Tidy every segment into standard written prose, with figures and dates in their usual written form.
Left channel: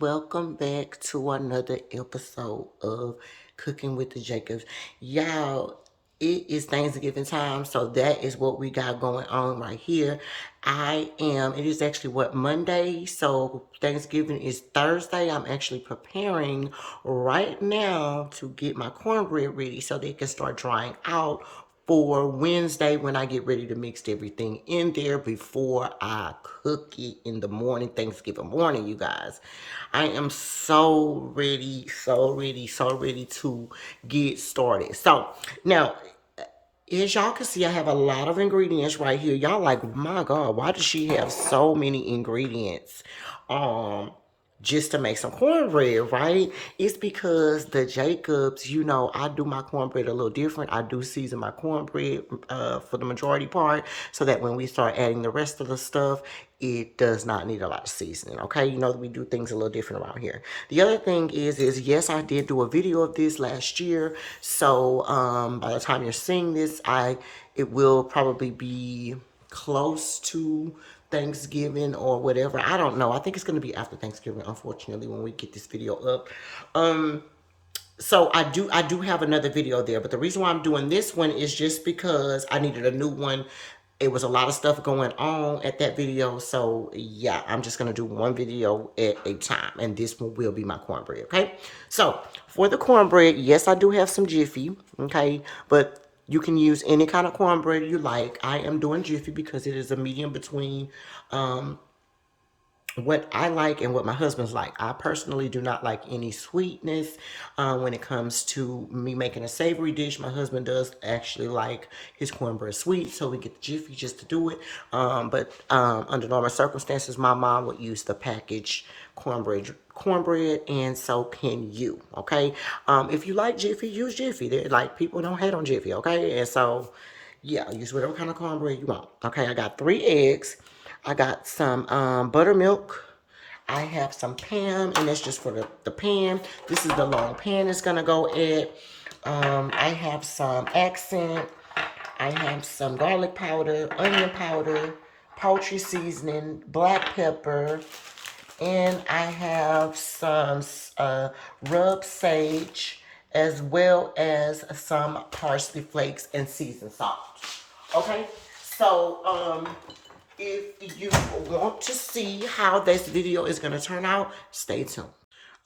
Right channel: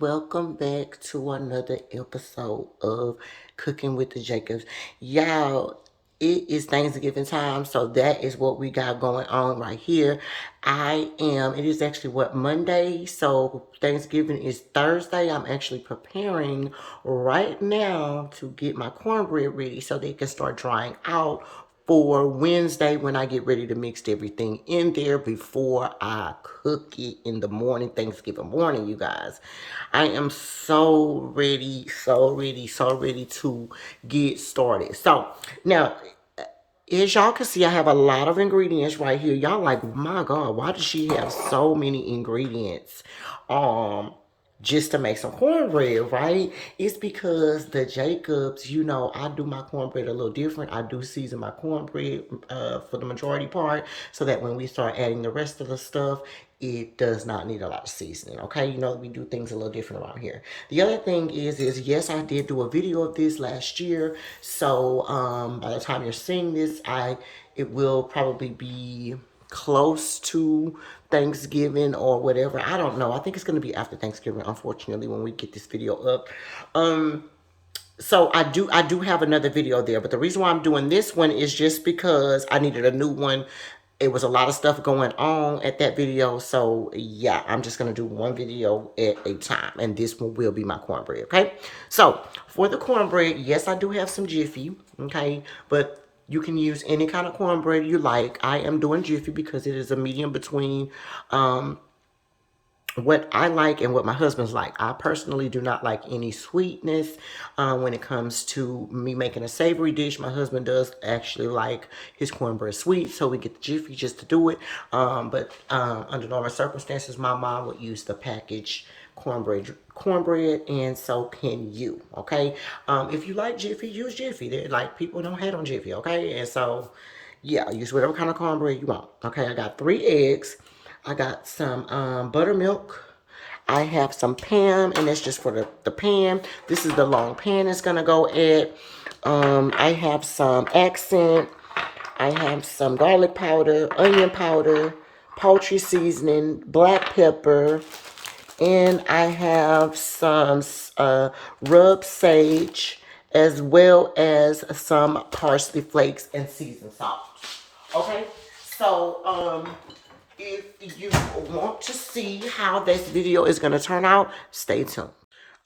welcome back to another episode of Cooking with the Jacobs. Y'all, it is Thanksgiving time, so that is what we got going on right here. It is actually Monday, so Thanksgiving is Thursday. I'm actually preparing right now to get my cornbread ready so they can start drying out for Wednesday when I get ready to mix everything in there before I cook it in the morning, Thanksgiving morning, you guys. I am so ready, so ready, so ready to get started. So now, as y'all can see, I have a lot of ingredients right here. Y'all like, my God, why does she have so many ingredients? Um, just to make some cornbread, right? It's because the Jacobs, I do my cornbread a little different. I do season my cornbread for the majority part so that when we start adding the rest of the stuff, it does not need a lot of seasoning, okay? We do things a little different around here. The other thing is yes, I did do a video of this last year. So by the time you're seeing this, it will probably be close to Thanksgiving or whatever. I don't know. I think it's going to be after Thanksgiving, unfortunately, when we get this video up. So I do have another video there, but the reason why I'm doing this one is just because I needed a new one. It was a lot of stuff going on at that video, so yeah, I'm just gonna do one video at a time, and this one will be my cornbread. Okay, so for the cornbread, yes, I do have some Jiffy. Okay, but you can use any kind of cornbread you like. I am doing Jiffy because it is a medium between what I like and what my husband's like. I personally do not like any sweetness when it comes to me making a savory dish. My husband does actually like his cornbread sweet, so we get the Jiffy just to do it. But under normal circumstances, my mom would use the packaged cornbread, and so can you. Okay, if you like Jiffy, use Jiffy. They're like, people don't hate on Jiffy. Okay, and so yeah, use whatever kind of cornbread you want. Okay, I got 3 eggs. I got some buttermilk. I have some Pam, and that's just for the pan. This is the long pan it's going to go at. I have some accent. I have some garlic powder, onion powder, poultry seasoning, black pepper, and I have some rubbed sage, as well as some parsley flakes and seasoned salt. Okay, so if you want to see how this video is going to turn out, stay tuned.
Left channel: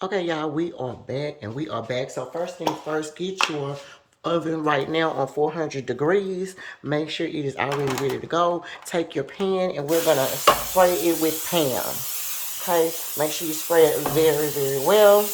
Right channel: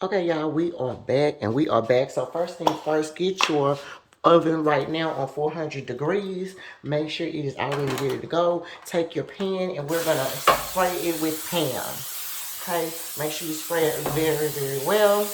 Okay, y'all, we are back, and we are back. So first things first, get your oven right now on 400 degrees. Make sure it is already ready to go. Take your pan, and we're going to spray it with Pam. Okay, make sure you spray it very, very well.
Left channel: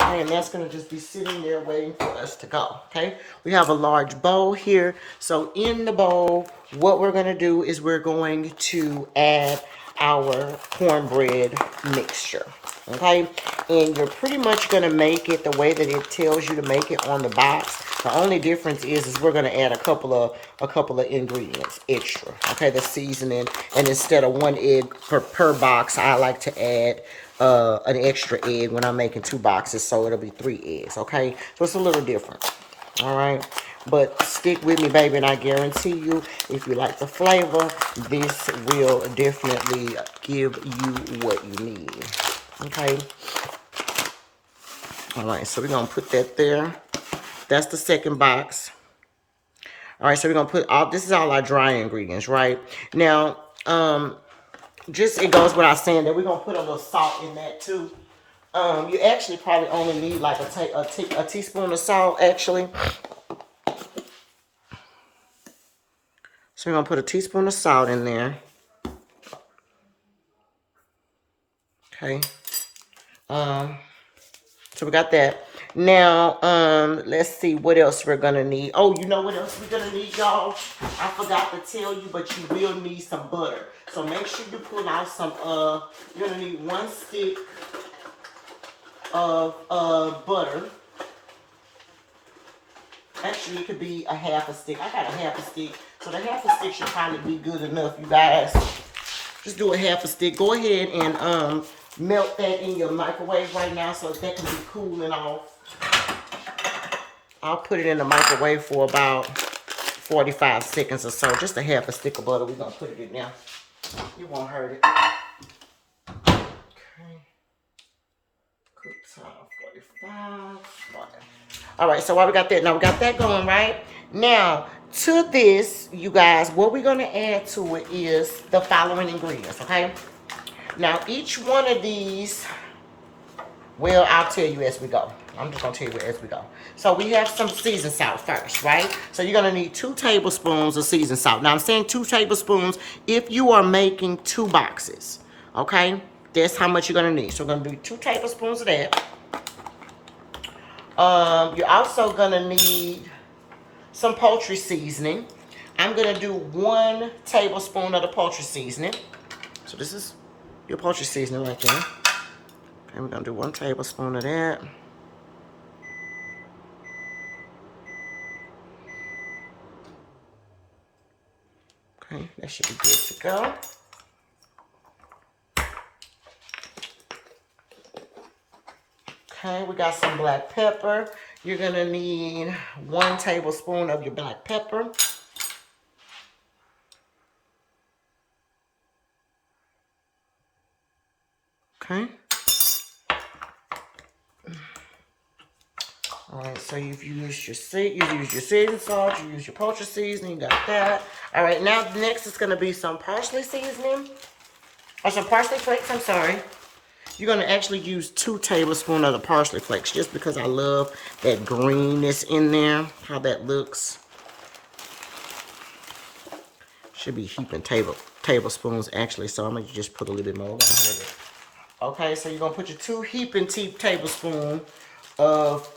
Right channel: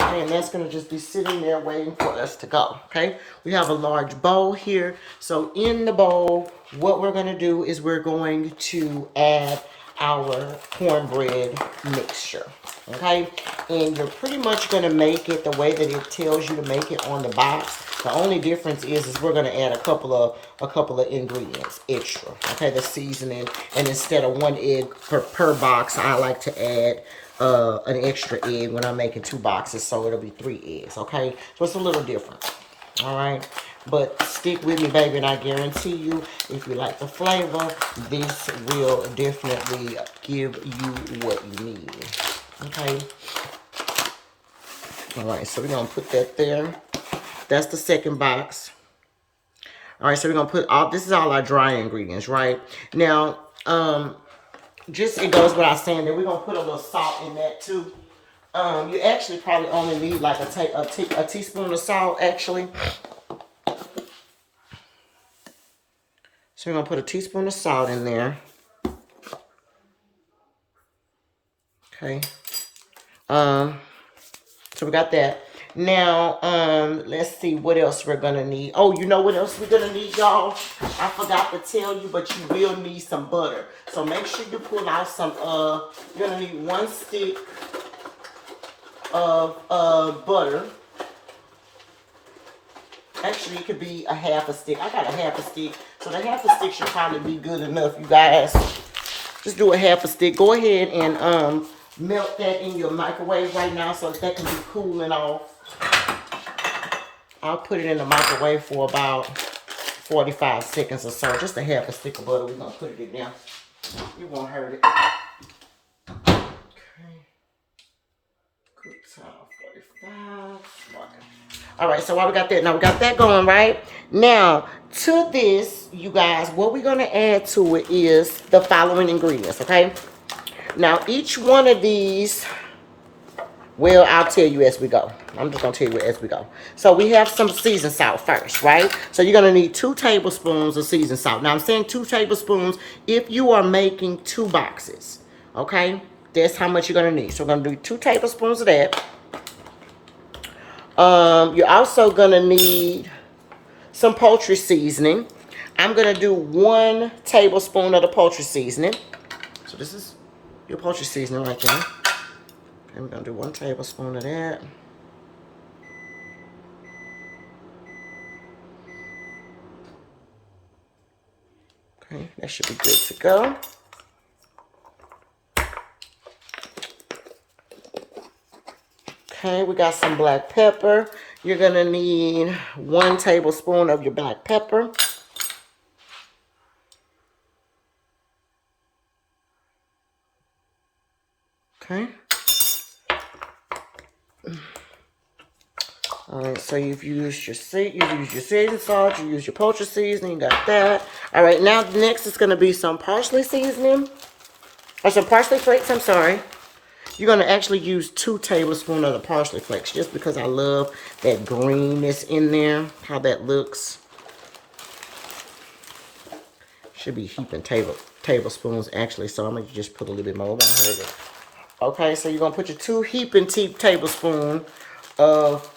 And that's going to just be sitting there waiting for us to go, okay? We have a large bowl here. So in the bowl, what we're going to do is we're going to add our cornbread mixture, okay? And you're pretty much going to make it the way that it tells you to make it on the box. The only difference is we're going to add a couple of ingredients extra, okay? The seasoning, and instead of 1 egg per box, I like to add an extra egg when I'm making 2 boxes, so it'll be 3 eggs, okay? So it's a little different, all right? But stick with me, baby, and I guarantee you, if you like the flavor, this will definitely give you what you need, okay? All right, so we're going to put that there. That's the second box. All right, so we're going to put this is all our dry ingredients, right? Now, just it goes without saying that we're gonna put a little salt in that too. You actually probably only need like a teaspoon of salt actually. So we're gonna put a teaspoon of salt in there. Okay. So we got that. Now, let's see what else we're gonna need. Oh, you know what else we're gonna need, y'all? I forgot to tell you, but you will need some butter. So make sure you pull out some, you're gonna need 1 stick of butter. Actually, it could be a half a stick. I got a half a stick. So the half a stick should probably be good enough, you guys. Just do a half a stick. Go ahead and melt that in your microwave right now so that can be cooling off. I'll put it in the microwave for about 45 seconds or so. Just a half a stick of butter. We're going to put it in there. You won't hurt it. Okay. All right, so while we got that, now we got that going, right? Now, to this, you guys, what we're going to add to it is the following ingredients, okay? Now, each one of these, well, I'll tell you as we go. I'm just going to tell you as we go. So, we have some seasoned salt first, right? So, you're going to need 2 tablespoons of seasoned salt. Now, I'm saying 2 tablespoons if you are making 2 boxes, okay? That's how much you're going to need. So, we're going to do 2 tablespoons of that. You're also going to need some poultry seasoning. I'm going to do 1 tablespoon of the poultry seasoning. So this is your poultry seasoning right there. Okay, we're going to do 1 tablespoon of that. Okay, that should be good to go. Okay, we got some black pepper. You're going to need 1 tablespoon of your black pepper. Okay. All right, so you've used your seasoning salt, you use your poultry seasoning, you got that. All right, now next is going to be some parsley seasoning, or some parsley flakes, I'm sorry. You're going to actually use 2 tablespoons of the parsley flakes, just because I love that greenness in there, how that looks. Should be heaping tablespoons, actually, so I'm going to just put a little bit more. Okay, so you're going to put your 2 heaping tablespoons of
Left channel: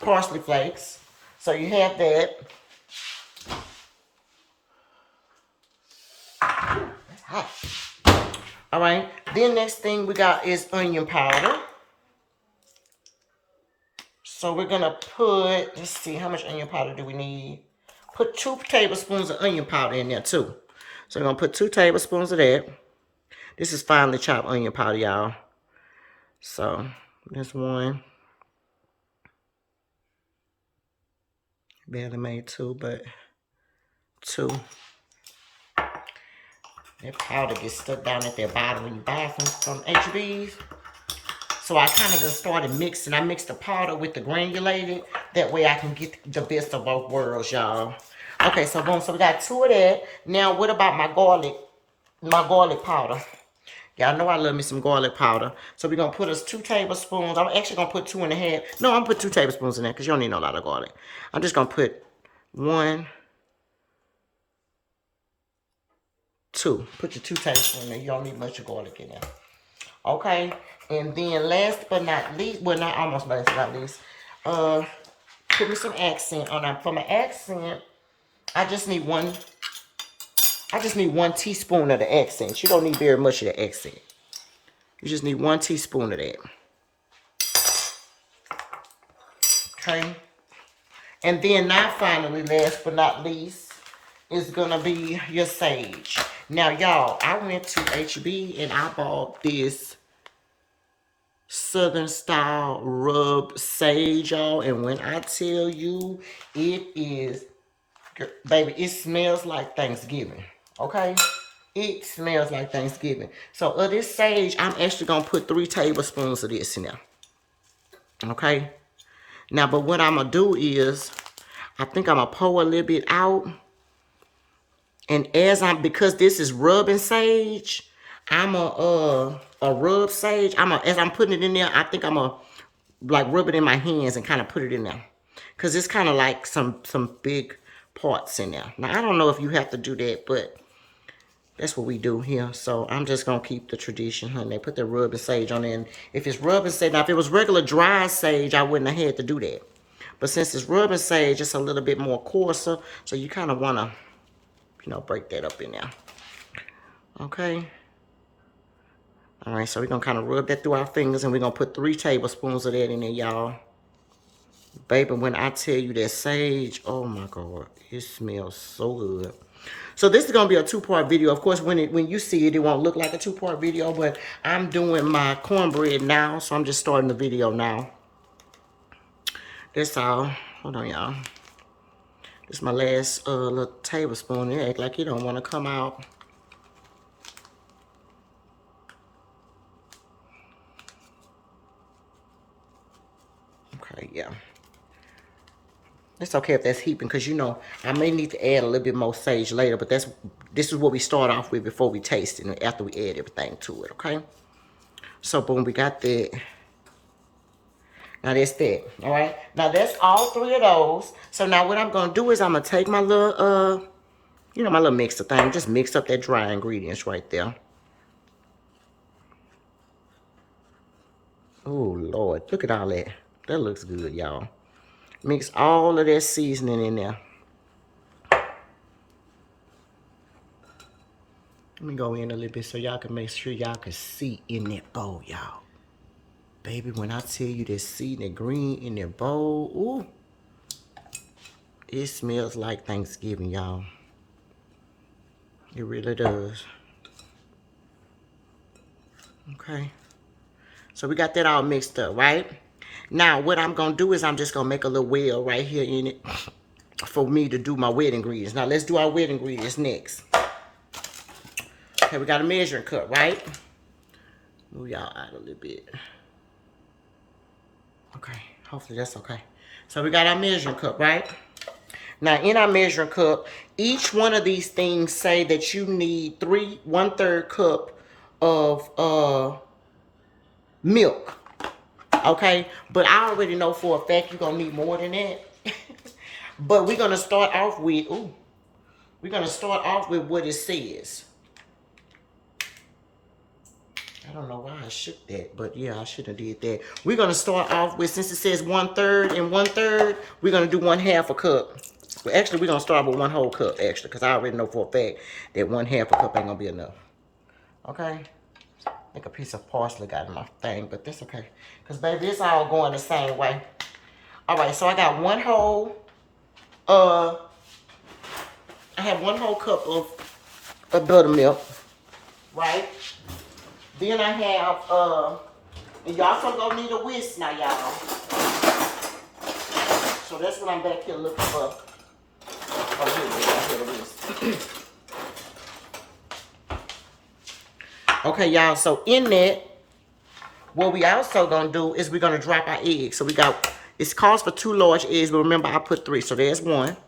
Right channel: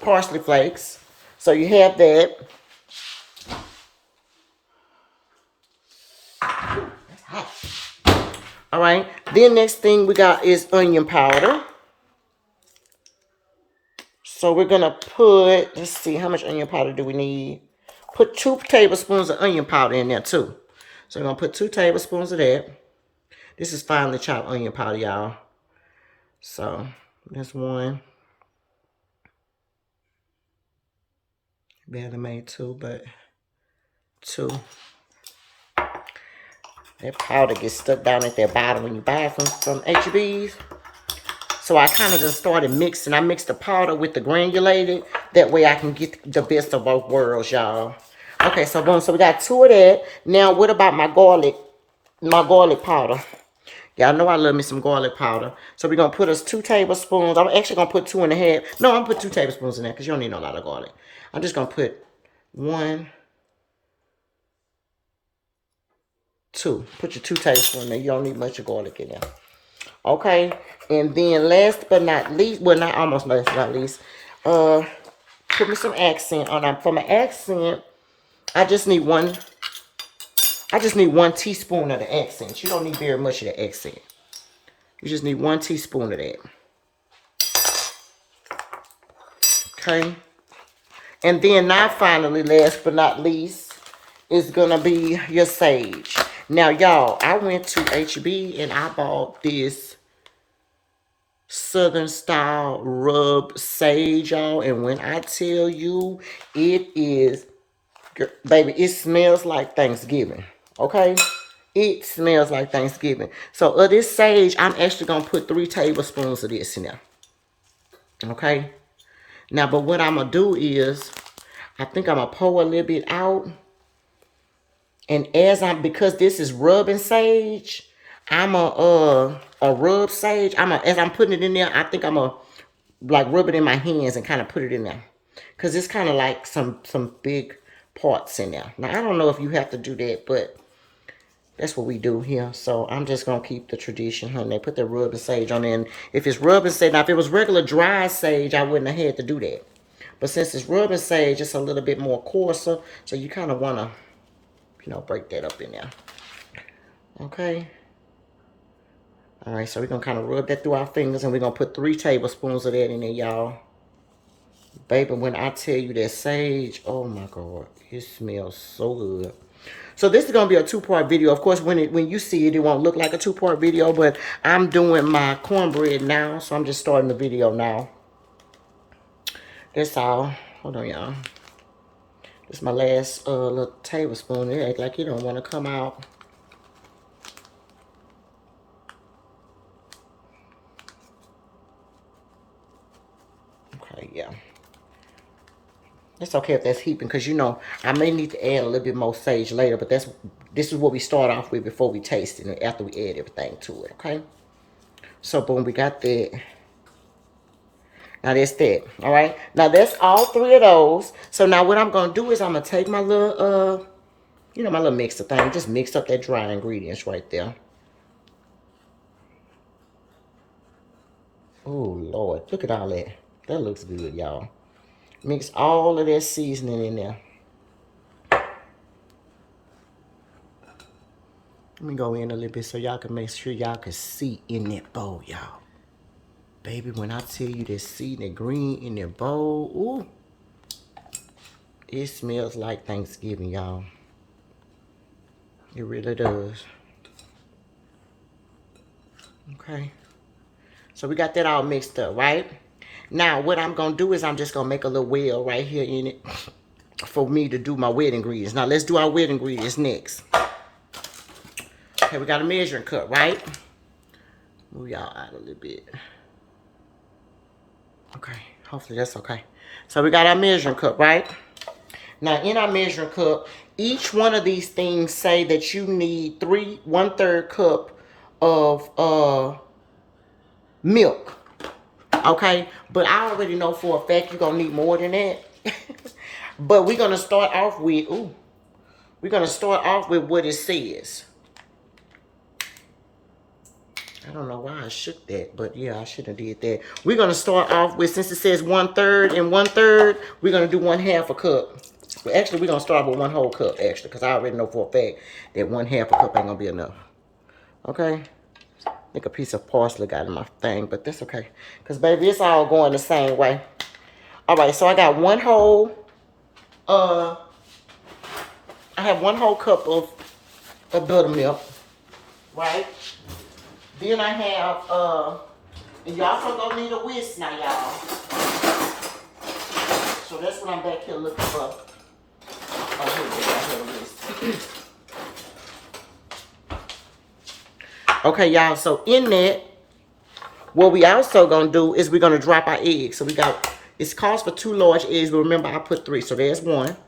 parsley flakes. So you have that. All right, then next thing we got is onion powder. So we're going to put, let's see, how much onion powder do we need? Put 2 tablespoons of onion powder in there too. So we're going to put 2 tablespoons of that. This is finely chopped onion powder, y'all. So that's 1. Barely made 2, but 2. That powder gets stuck down at that bottom when you buy it from HEB's. So I kind of just started mixing. I mixed the powder with the granulated. That way I can get the best of both worlds, y'all. Okay, so boom. So we got 2 of that. Now, what about my garlic powder? Y'all know I love me some garlic powder. So we're going to put us 2 tablespoons. I'm actually going to put 2.5. No, I'm going to put 2 tablespoons in there because you don't need no lot of garlic. I'm just going to put 1, 2. Put your 2 tablespoons in there. You don't need much of garlic in there. Okay, and then last but not least, well, not almost last but not least, put me some accent on that. For my accent, I just need 1 teaspoon of the accent. You don't need very much of the accent. You just need 1 teaspoon of that. Okay, and then now finally, last but not least, is gonna be your sage. Now, y'all, I went to HB and I bought this Southern style rub sage, y'all. And when I tell you, it is, baby, it smells like Thanksgiving. Okay? It smells like Thanksgiving. So, of this sage, I'm actually going to put 3 tablespoons of this in there. Okay? Now, but what I'm going to do is, I think I'm going to pour a little bit out. And because this is rubbing sage, I'm a rub sage. As I'm putting it in there, I think I'm a like rub it in my hands and kind of put it in there. Because it's kind of like some big parts in there. Now, I don't know if you have to do that, but that's what we do here. So I'm just going to keep the tradition, honey. They put the rubbing sage on there. And if it's rubbing sage, now if it was regular dry sage, I wouldn't have had to do that. But since it's rubbing sage, it's a little bit more coarser. So you kind of want to, break that up in there. Okay. All right, so we're going to kind of rub that through our fingers, and we're going to put 3 tablespoons of that in there, y'all. Baby, when I tell you that sage, oh my God, it smells so good. So this is going to be a 2-part video. Of course, when you see it, it won't look like a 2-part video, but I'm doing my cornbread now, so I'm just starting the video now. That's all. Hold on, y'all. This is my last little tablespoon. It act like it don't want to come out. yeah. It's okay if that's heaping, because you know I may need to add a little bit more sage later, but this is what we start off with before we taste it and after we add everything to it, okay? So boom, we got that. Now that's that, all right? Now that's all 3 of those. So now what I'm gonna do is I'm gonna take my little you know, my little mixer thing, just mix up that dry ingredients right there. Oh Lord, look at all that. That looks good, y'all. Mix all of that seasoning in there. Let me go in a little bit so y'all can make sure y'all can see in that bowl, y'all. Baby, when I tell you that seasoning green in that bowl, ooh, it smells like Thanksgiving, y'all. It really does. Okay. So we got that all mixed up, right? Now, what I'm going to do is I'm just going to make a little well right here in it for me to do my wet ingredients. Now, let's do our wet ingredients next. Okay, we got a measuring cup, right? Move y'all out a little bit. Okay, hopefully that's okay. So we got our measuring cup, right? Now, in our measuring cup, each one of these things say that you need 1/3 cup of milk. Okay, but I already know for a fact you're gonna need more than that. But we're gonna start off with what it says. I don't know why I shook that, but yeah, I should have did that. We're gonna start off with, since it says 1/3 and 1/3, we're gonna do 1/2 a cup. Well, actually, we're gonna start with 1 whole cup, actually, because I already know for a fact that 1/2 a cup ain't gonna be enough. Okay. I think a piece of parsley got in my thing, but that's okay. Because, baby, it's all going the same way. All right, so I got 1 whole, I have 1 whole cup of buttermilk, right? Then I have, and you also gonna need a whisk now, y'all. So that's what I'm back here looking for. Oh, here it is. Okay, y'all, so in that, what we also gonna do is we're gonna drop our eggs. So we got, it calls for 2 large eggs, but remember I put 3, so there's 1.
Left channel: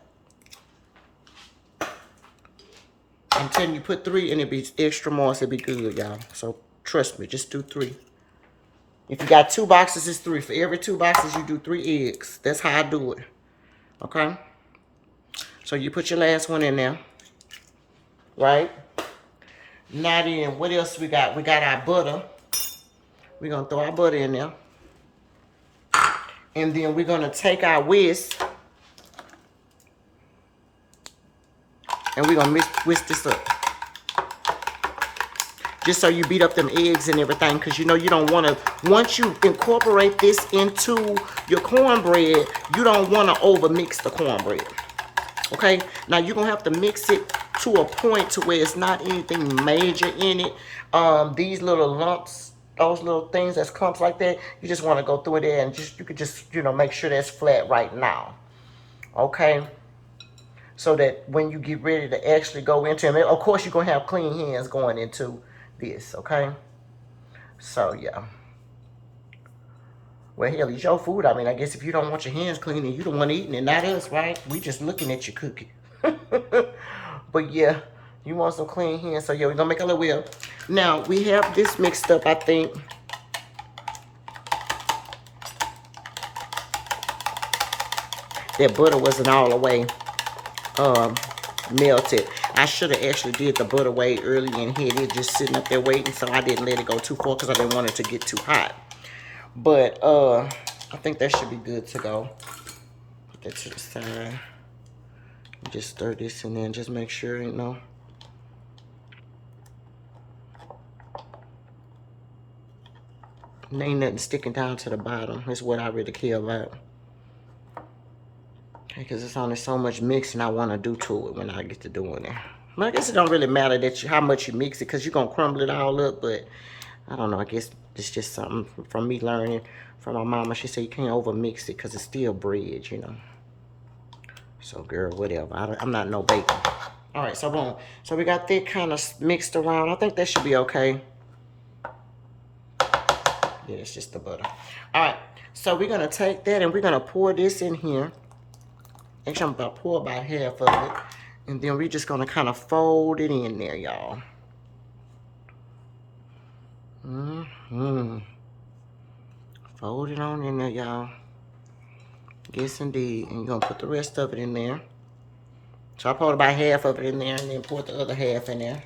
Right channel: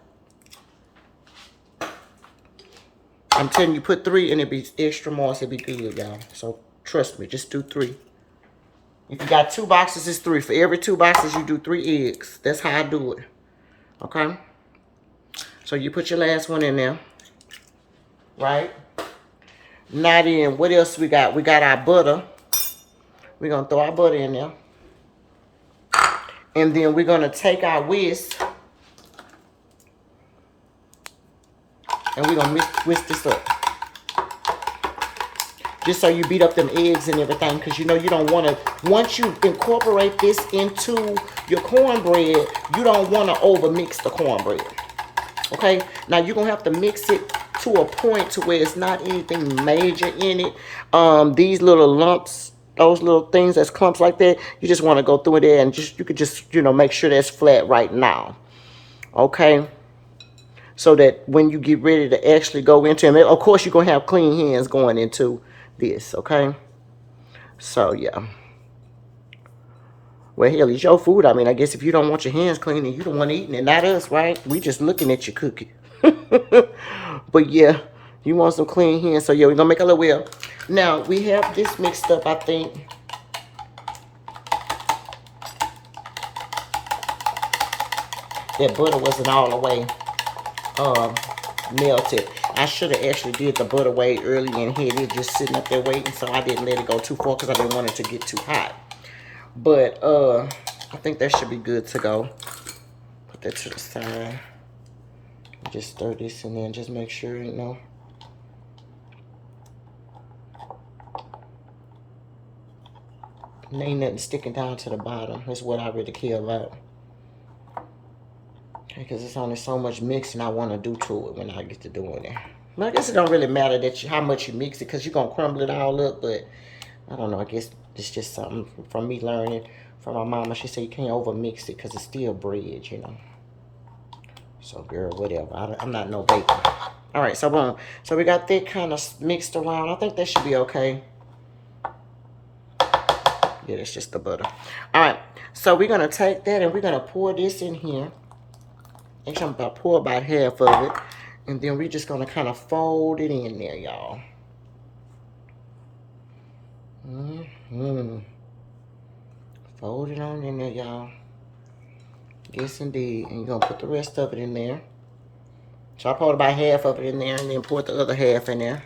I'm telling you, put 3 and it'd be extra moist, it'd be good, y'all. So trust me, just do 3. If you got 2 boxes, it's 3. For every 2 boxes, you do 3 eggs. That's how I do it. Okay? So you put your last one in there. Right? Now then, what else we got? We got our butter. We're going to throw our butter in there. And then we're going to take our whisk. And we're going to whisk this up. Just so you beat up them eggs and everything. Because you know you don't want to, once you incorporate this into your cornbread, you don't want to overmix the cornbread. Okay? Now you're going to have to mix it to a point to where it's not anything major in it. These little lumps, those little things that's clumps like that, you just want to go through there and just, you could just, you know, make sure that's flat right now. Okay? So that when you get ready to actually go into it, of course you're going to have clean hands going into this, okay? So, yeah. Well, hell, it's your food. I mean, I guess if you don't want your hands clean and you don't want to eat it, not us, right? We just looking at you cooking. But, yeah, you want some clean hands. So, yeah, we're going to make a little well. Now, we have this mixed up, I think. That butter wasn't all the way melted. I should have actually did the butter way early and had it just sitting up there waiting, so I didn't let it go too far because I didn't want it to get too hot. But I think that should be good to go. Put that to the side. Just stir this in there and just make sure, you know. Ain't nothing sticking down to the bottom. That's what I really care about. Okay, because it's only so much mixing I want to do to it when I get to doing it. But I guess it don't really matter that how much you mix it, because you're going to crumble it all up. But I don't know. I guess it's just something from me learning from my mama. She said you can't over mix it because it's still bread, you know. So, girl, whatever. I'm not no baker. All right, so boom. So we got that kind of mixed around. I think that should be okay. Yeah, that's just the butter. All right. So we're going to take that and we're going to pour this in here. Actually, I'm about to pour about half of it. And then we're just going to kind of fold it in there, y'all. Fold it on in there, y'all. Yes, indeed. And you're going to put the rest of it in there. So I poured about half of it in there and then poured the other half in there.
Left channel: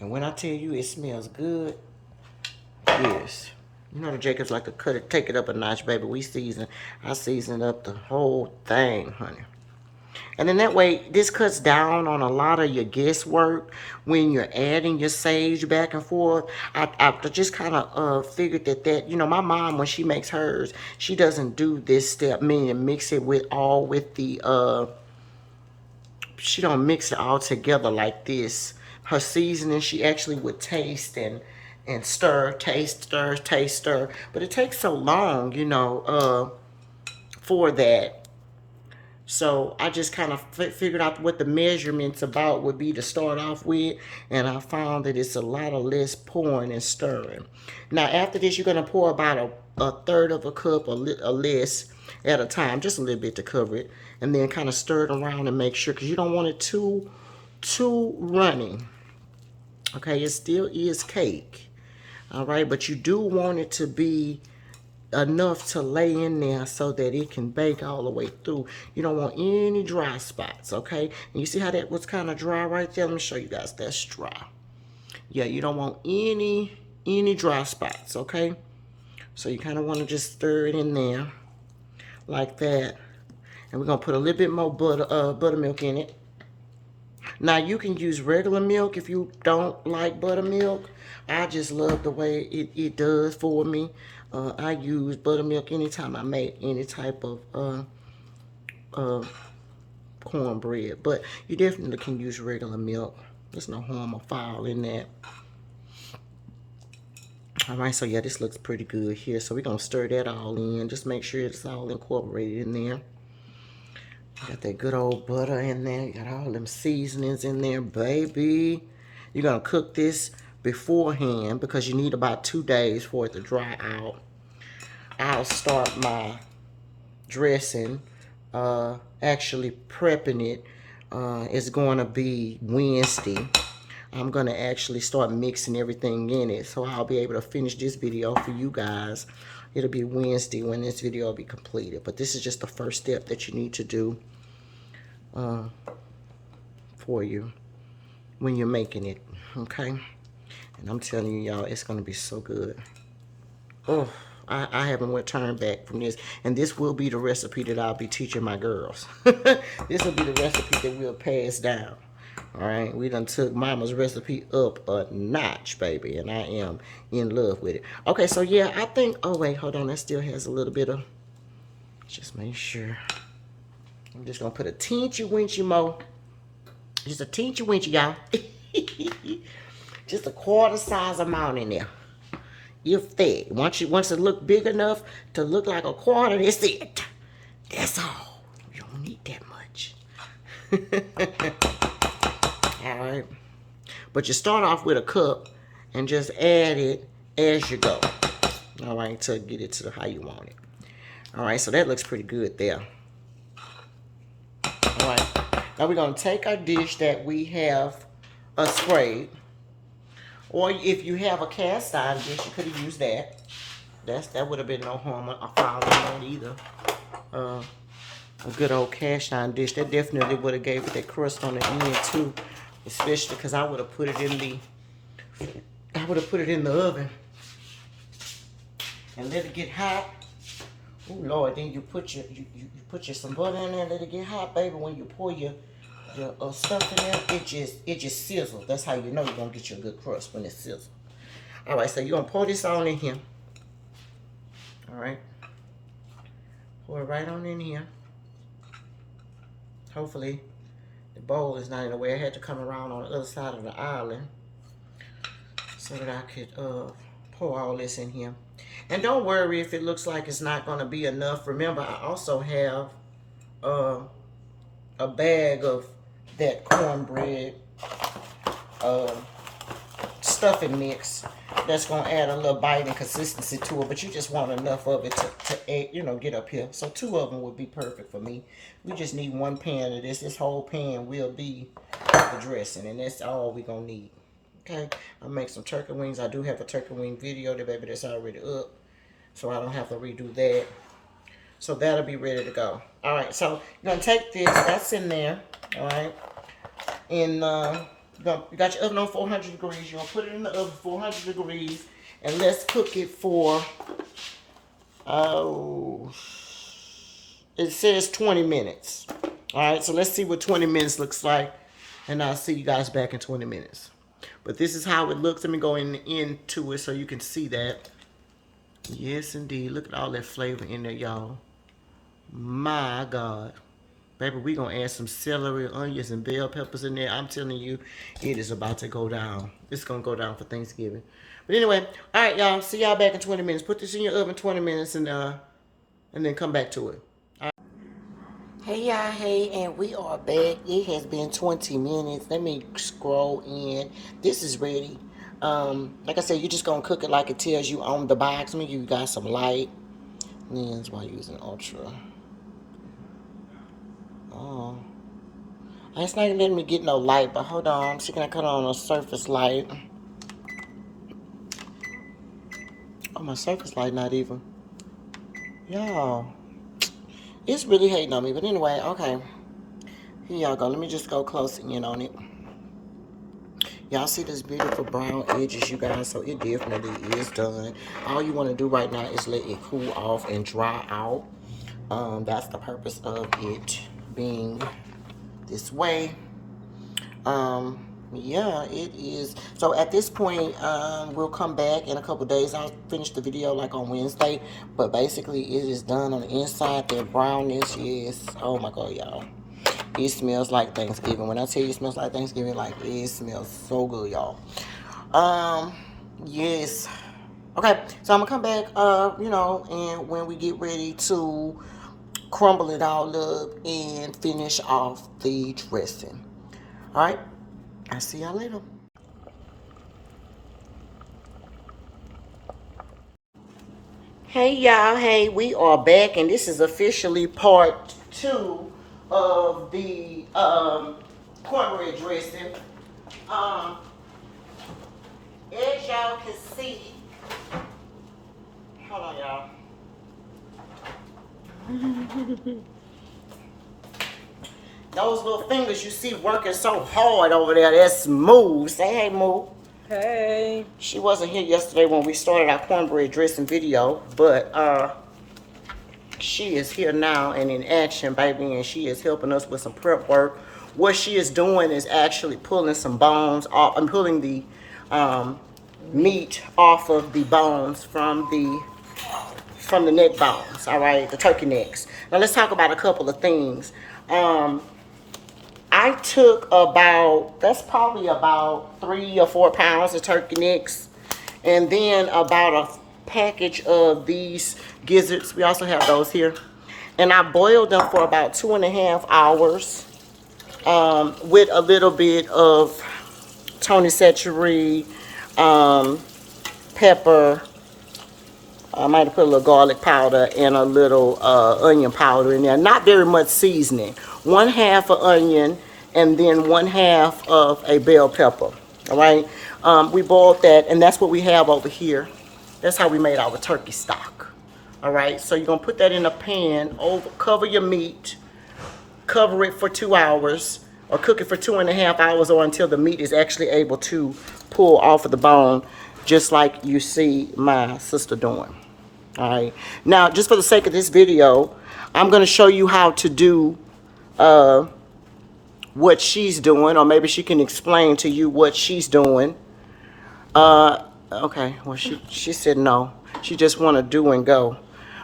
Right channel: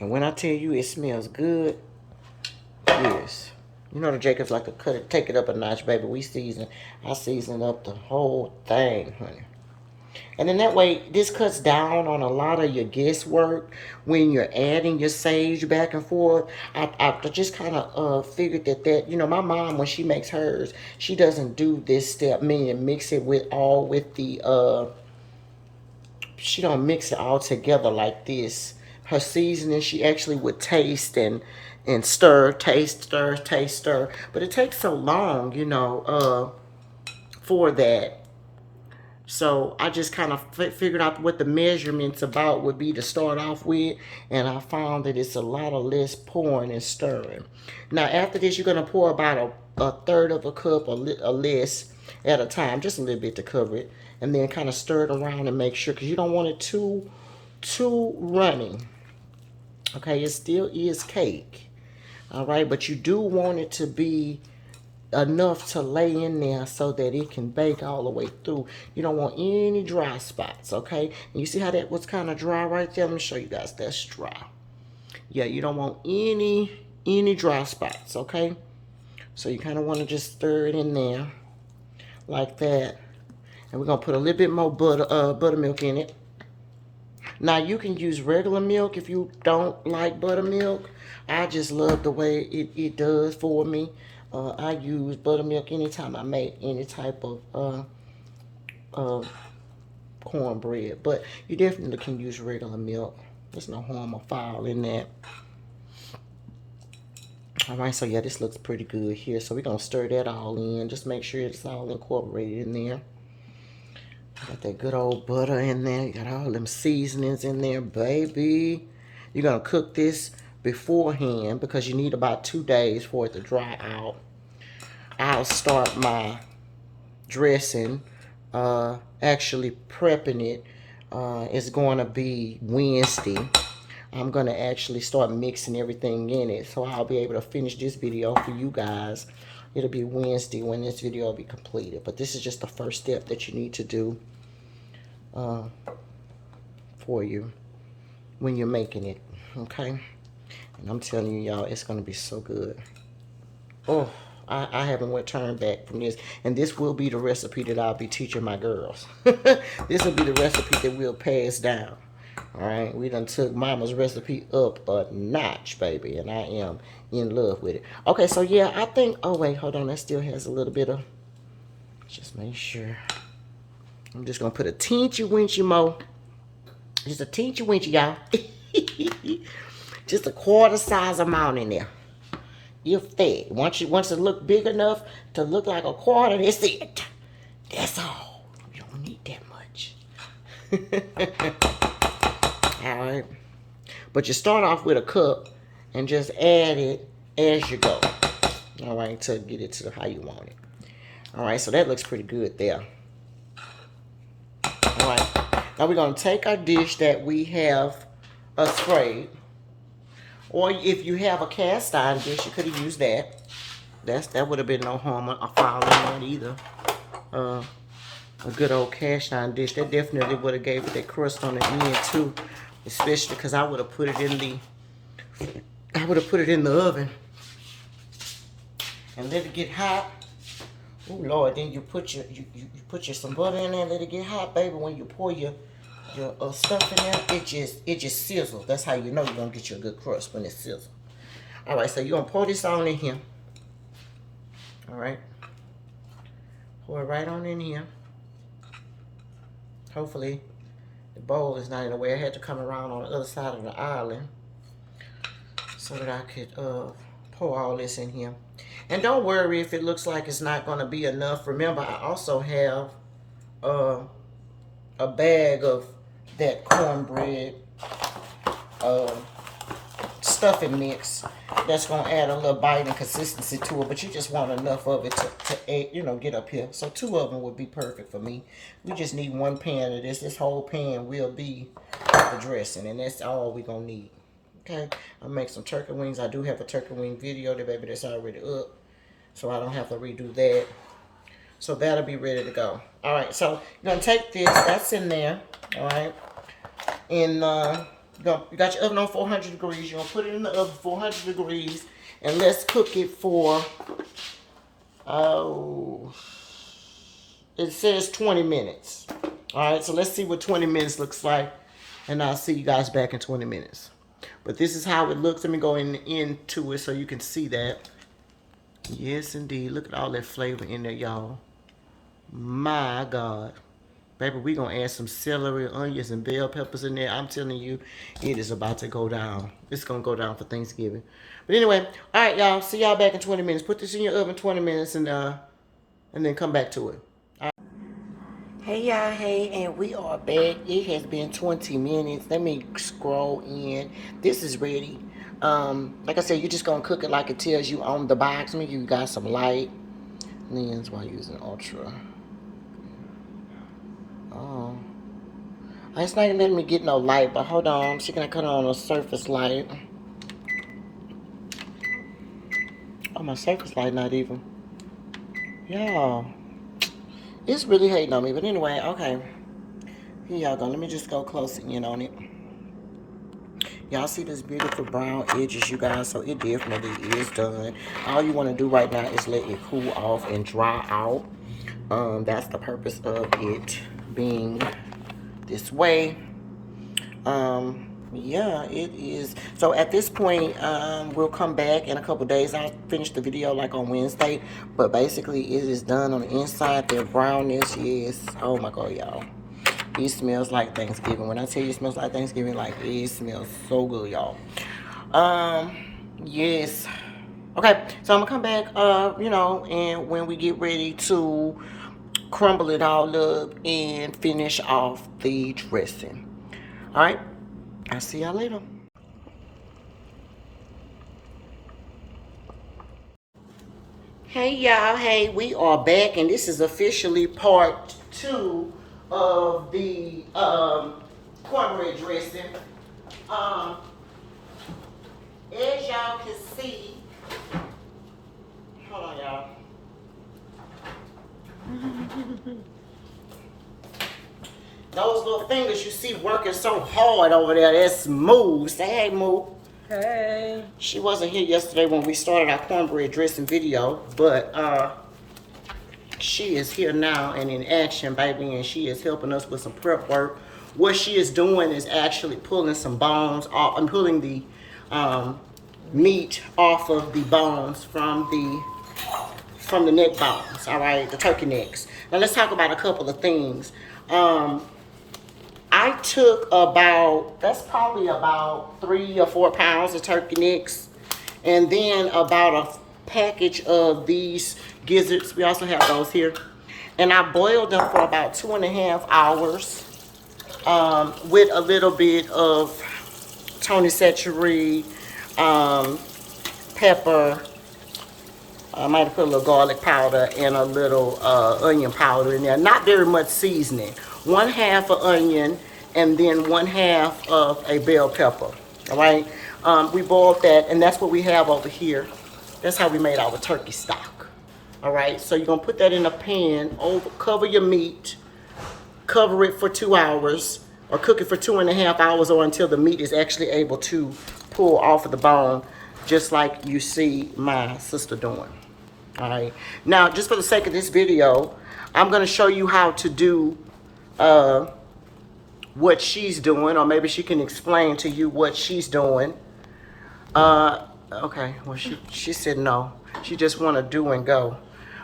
And when I tell you it smells good, yes. You know the Jacobs like to cut it, take it up a notch, baby. I season up the whole thing, honey. And then that way, this cuts down on a lot of your guesswork when you're adding your sage back and forth. I just kind of figured that, you know, my mom, when she makes hers, she doesn't do this step, meaning mix it with the, she don't mix it all together like this. Her seasoning, she actually would taste and stir, taste, stir, taste, stir. But it takes so long, you know, for that. So I just kind of figured out what the measurements about would be to start off with. And I found that it's a lot of less pouring and stirring. Now after this, you're going to pour about a third of a cup or less at a time. Just a little bit to cover it. And then kind of stir it around and make sure. Because you don't want it too runny. Okay, it still is cake. All right, but you do want it to be enough to lay in there so that it can bake all the way through. You don't want any dry spots, okay? And you see how that was kind of dry right there? Let me show you guys. That's dry. Yeah, you don't want any dry spots, okay? So you kind of want to just stir it in there like that. And we're going to put a little bit more buttermilk in it. Now, you can use regular milk if you don't like buttermilk. I just love the way it does for me. I use buttermilk anytime I make any type of cornbread. But you definitely can use regular milk. There's no harm or foul in that. Alright, so yeah, this looks pretty good here. So we're going to stir that all in. Just make sure it's all incorporated in there. Got that good old butter in there. You got all them seasonings in there, baby. You're going to cook this beforehand because you need about 2 days for it to dry out. I'll start my dressing, actually prepping it. It's going to be Wednesday. I'm going to actually start mixing everything in it. So I'll be able to finish this video for you guys. It'll be Wednesday when this video will be completed. But this is just the first step that you need to do for you when you're making it. Okay? And I'm telling you, y'all, it's going to be so good. Oh, I haven't turned back from this. And this will be the recipe that I'll be teaching my girls. This will be the recipe that we'll pass down. All right? We done took Mama's recipe up a notch, baby. And I am in love with it. Okay, so yeah, I think... Oh, wait, hold on. That still has a little bit of... Just make sure. I'm just going to put a teensy-weensy more. Just a teensy-weensy, y'all. Just a quarter size amount in there. If that. Once it look big enough to look like a quarter, that's it. That's all. You don't need that much. Alright. But you start off with a cup and just add it as you go. Alright, to get it to how you want it. Alright, so that looks pretty good there. Alright. Now we're going to take our dish that we have sprayed. Or if you have a cast iron dish, you could have used that. That would have been no harm or foul in that either. A good old cast iron dish. That definitely would have gave it that crust on the end too. Especially because I would have put it in the oven. And let it get hot. Oh Lord, then you put your some butter in there and let it get hot, baby. When you pour your stuff in there, it just sizzles. That's how you know you're gonna get you a good crust, when it sizzles. All right, so you're gonna pour this on in here. All right, pour it right on in here. Hopefully the bowl is not in the way. I had to come around on the other side of the island so that I could pour all this in here. And don't worry if it looks like it's not gonna be enough. Remember, I also have a bag of that cornbread stuffing mix that's gonna add a little bite and consistency to it, but you just want enough of it to you know, get up here. So 2 of them would be perfect for me. We just need 1 pan of this. This whole pan will be the dressing, and that's all we're gonna need. Okay, I'll make some turkey wings. I do have a turkey wing video there, baby, that's already up, so I don't have to redo that. So that'll be ready to go. All right, so you're gonna take this, that's in there, all right, and you got your oven on 400 degrees. You're gonna put it in the oven 400 degrees, and let's cook it for, it says 20 minutes. All right, so let's see what 20 minutes looks like, and I'll see you guys back in 20 minutes. But this is how it looks. Let me go into it so you can see that. Yes, indeed. Look at all that flavor in there, y'all. My God. Baby, we going to add some celery, onions, and bell peppers in there. I'm telling you, it is about to go down. It's going to go down for Thanksgiving. But anyway, all right, y'all. See y'all back in 20 minutes. Put this in your oven 20 minutes and then come back to it. Hey y'all, hey, and we are back. It has been 20 minutes. Let me scroll in. This is ready. Like I said, you're just gonna cook it like it tells you on the box. Let me give you guys some light lens while using ultra. Oh, it's not letting me get no light, but hold on. I'm gonna cut on a surface light. Oh, my surface light not even. Y'all. It's really hating on me, but anyway, okay. Here y'all go. Let me just go close in on it. Y'all see this beautiful brown edges, you guys? So it definitely is done. All you want to do right now is let it cool off and dry out. That's the purpose of it being this way. Yeah, it is. So at this point, we'll come back in a couple days. I'll finish the video like on Wednesday, but basically it is done on the inside. Their brownness, yes. Oh my God, y'all, it smells like Thanksgiving. When I tell you it smells like Thanksgiving, like it smells so good, y'all. Yes. Okay, so I'm gonna come back, you know, and when we get ready to crumble it all up and finish off the dressing. All right, I'll see y'all later. Hey y'all, hey, we are back, and this is officially part 2 of the cornbread dressing. As y'all can see, hold on y'all. Those little fingers you see working so hard over there, that's smooth. Say hey, Moo. Hey. She wasn't here yesterday when we started our cornbread dressing video, but she is here now and in action, baby, and she is helping us with some prep work. What she is doing is actually pulling some bones off. I'm pulling the meat off of the bones from the neck bones, all right, the turkey necks. Now let's talk about a couple of things. I took that's probably about 3 or 4 pounds of turkey necks, and then about a package of these gizzards. We also have those here. And I boiled them for about 2.5 hours with a little bit of Tony Chachere, pepper. I might have put a little garlic powder and a little onion powder in there. Not very much seasoning. 1/2 of onion and then 1/2 of a bell pepper. All right. We boiled that, and that's what we have over here. That's how we made our turkey stock. All right. So you're gonna put that in a pan. Cover your meat. Cover it for 2 hours, or cook it for 2.5 hours, or until the meat is actually able to pull off of the bone, just like you see my sister doing. All right. Now, just for the sake of this video, I'm going to show you how to do what she's doing, or maybe she can explain to you what she's doing. Okay. Well, she said no. She just want to do and go.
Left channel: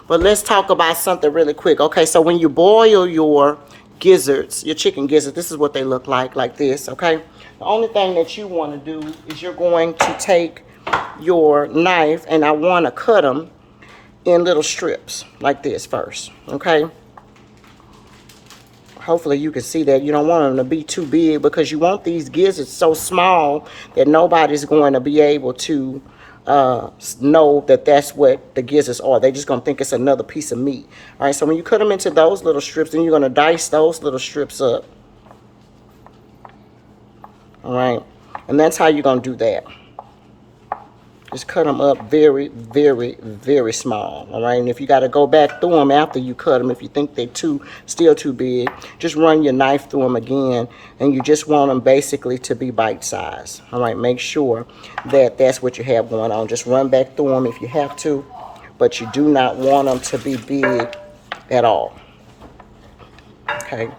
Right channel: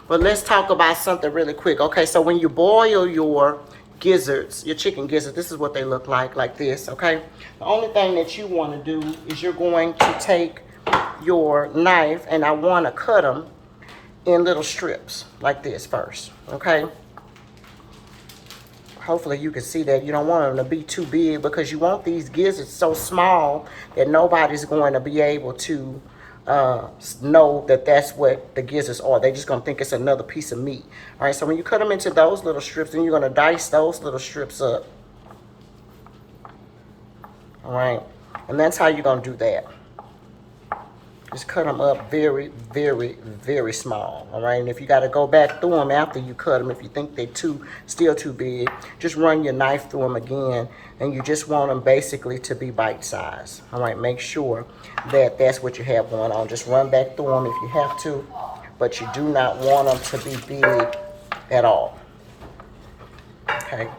But let's talk about something really quick. Okay. So when you boil your gizzards, your chicken gizzards, this is what they look like this. Okay. The only thing that you want to do is you're going to take your knife, and I want to cut them in little strips like this first. Okay. Hopefully you can see that. You don't want them to be too big because you want these gizzards so small that nobody's going to be able to know that that's what the gizzards are. They're just going to think it's another piece of meat. All right, so when you cut them into those little strips, then you're going to dice those little strips up. All right, and that's how you're going to do that. Just cut them up very, very, very small, all right? And if you got to go back through them after you cut them, if you think they're still too big, just run your knife through them again, and you just want them basically to be bite-sized, all right? Make sure that that's what you have going on. Just run back through them if you have to, but you do not want them to be big at all, okay?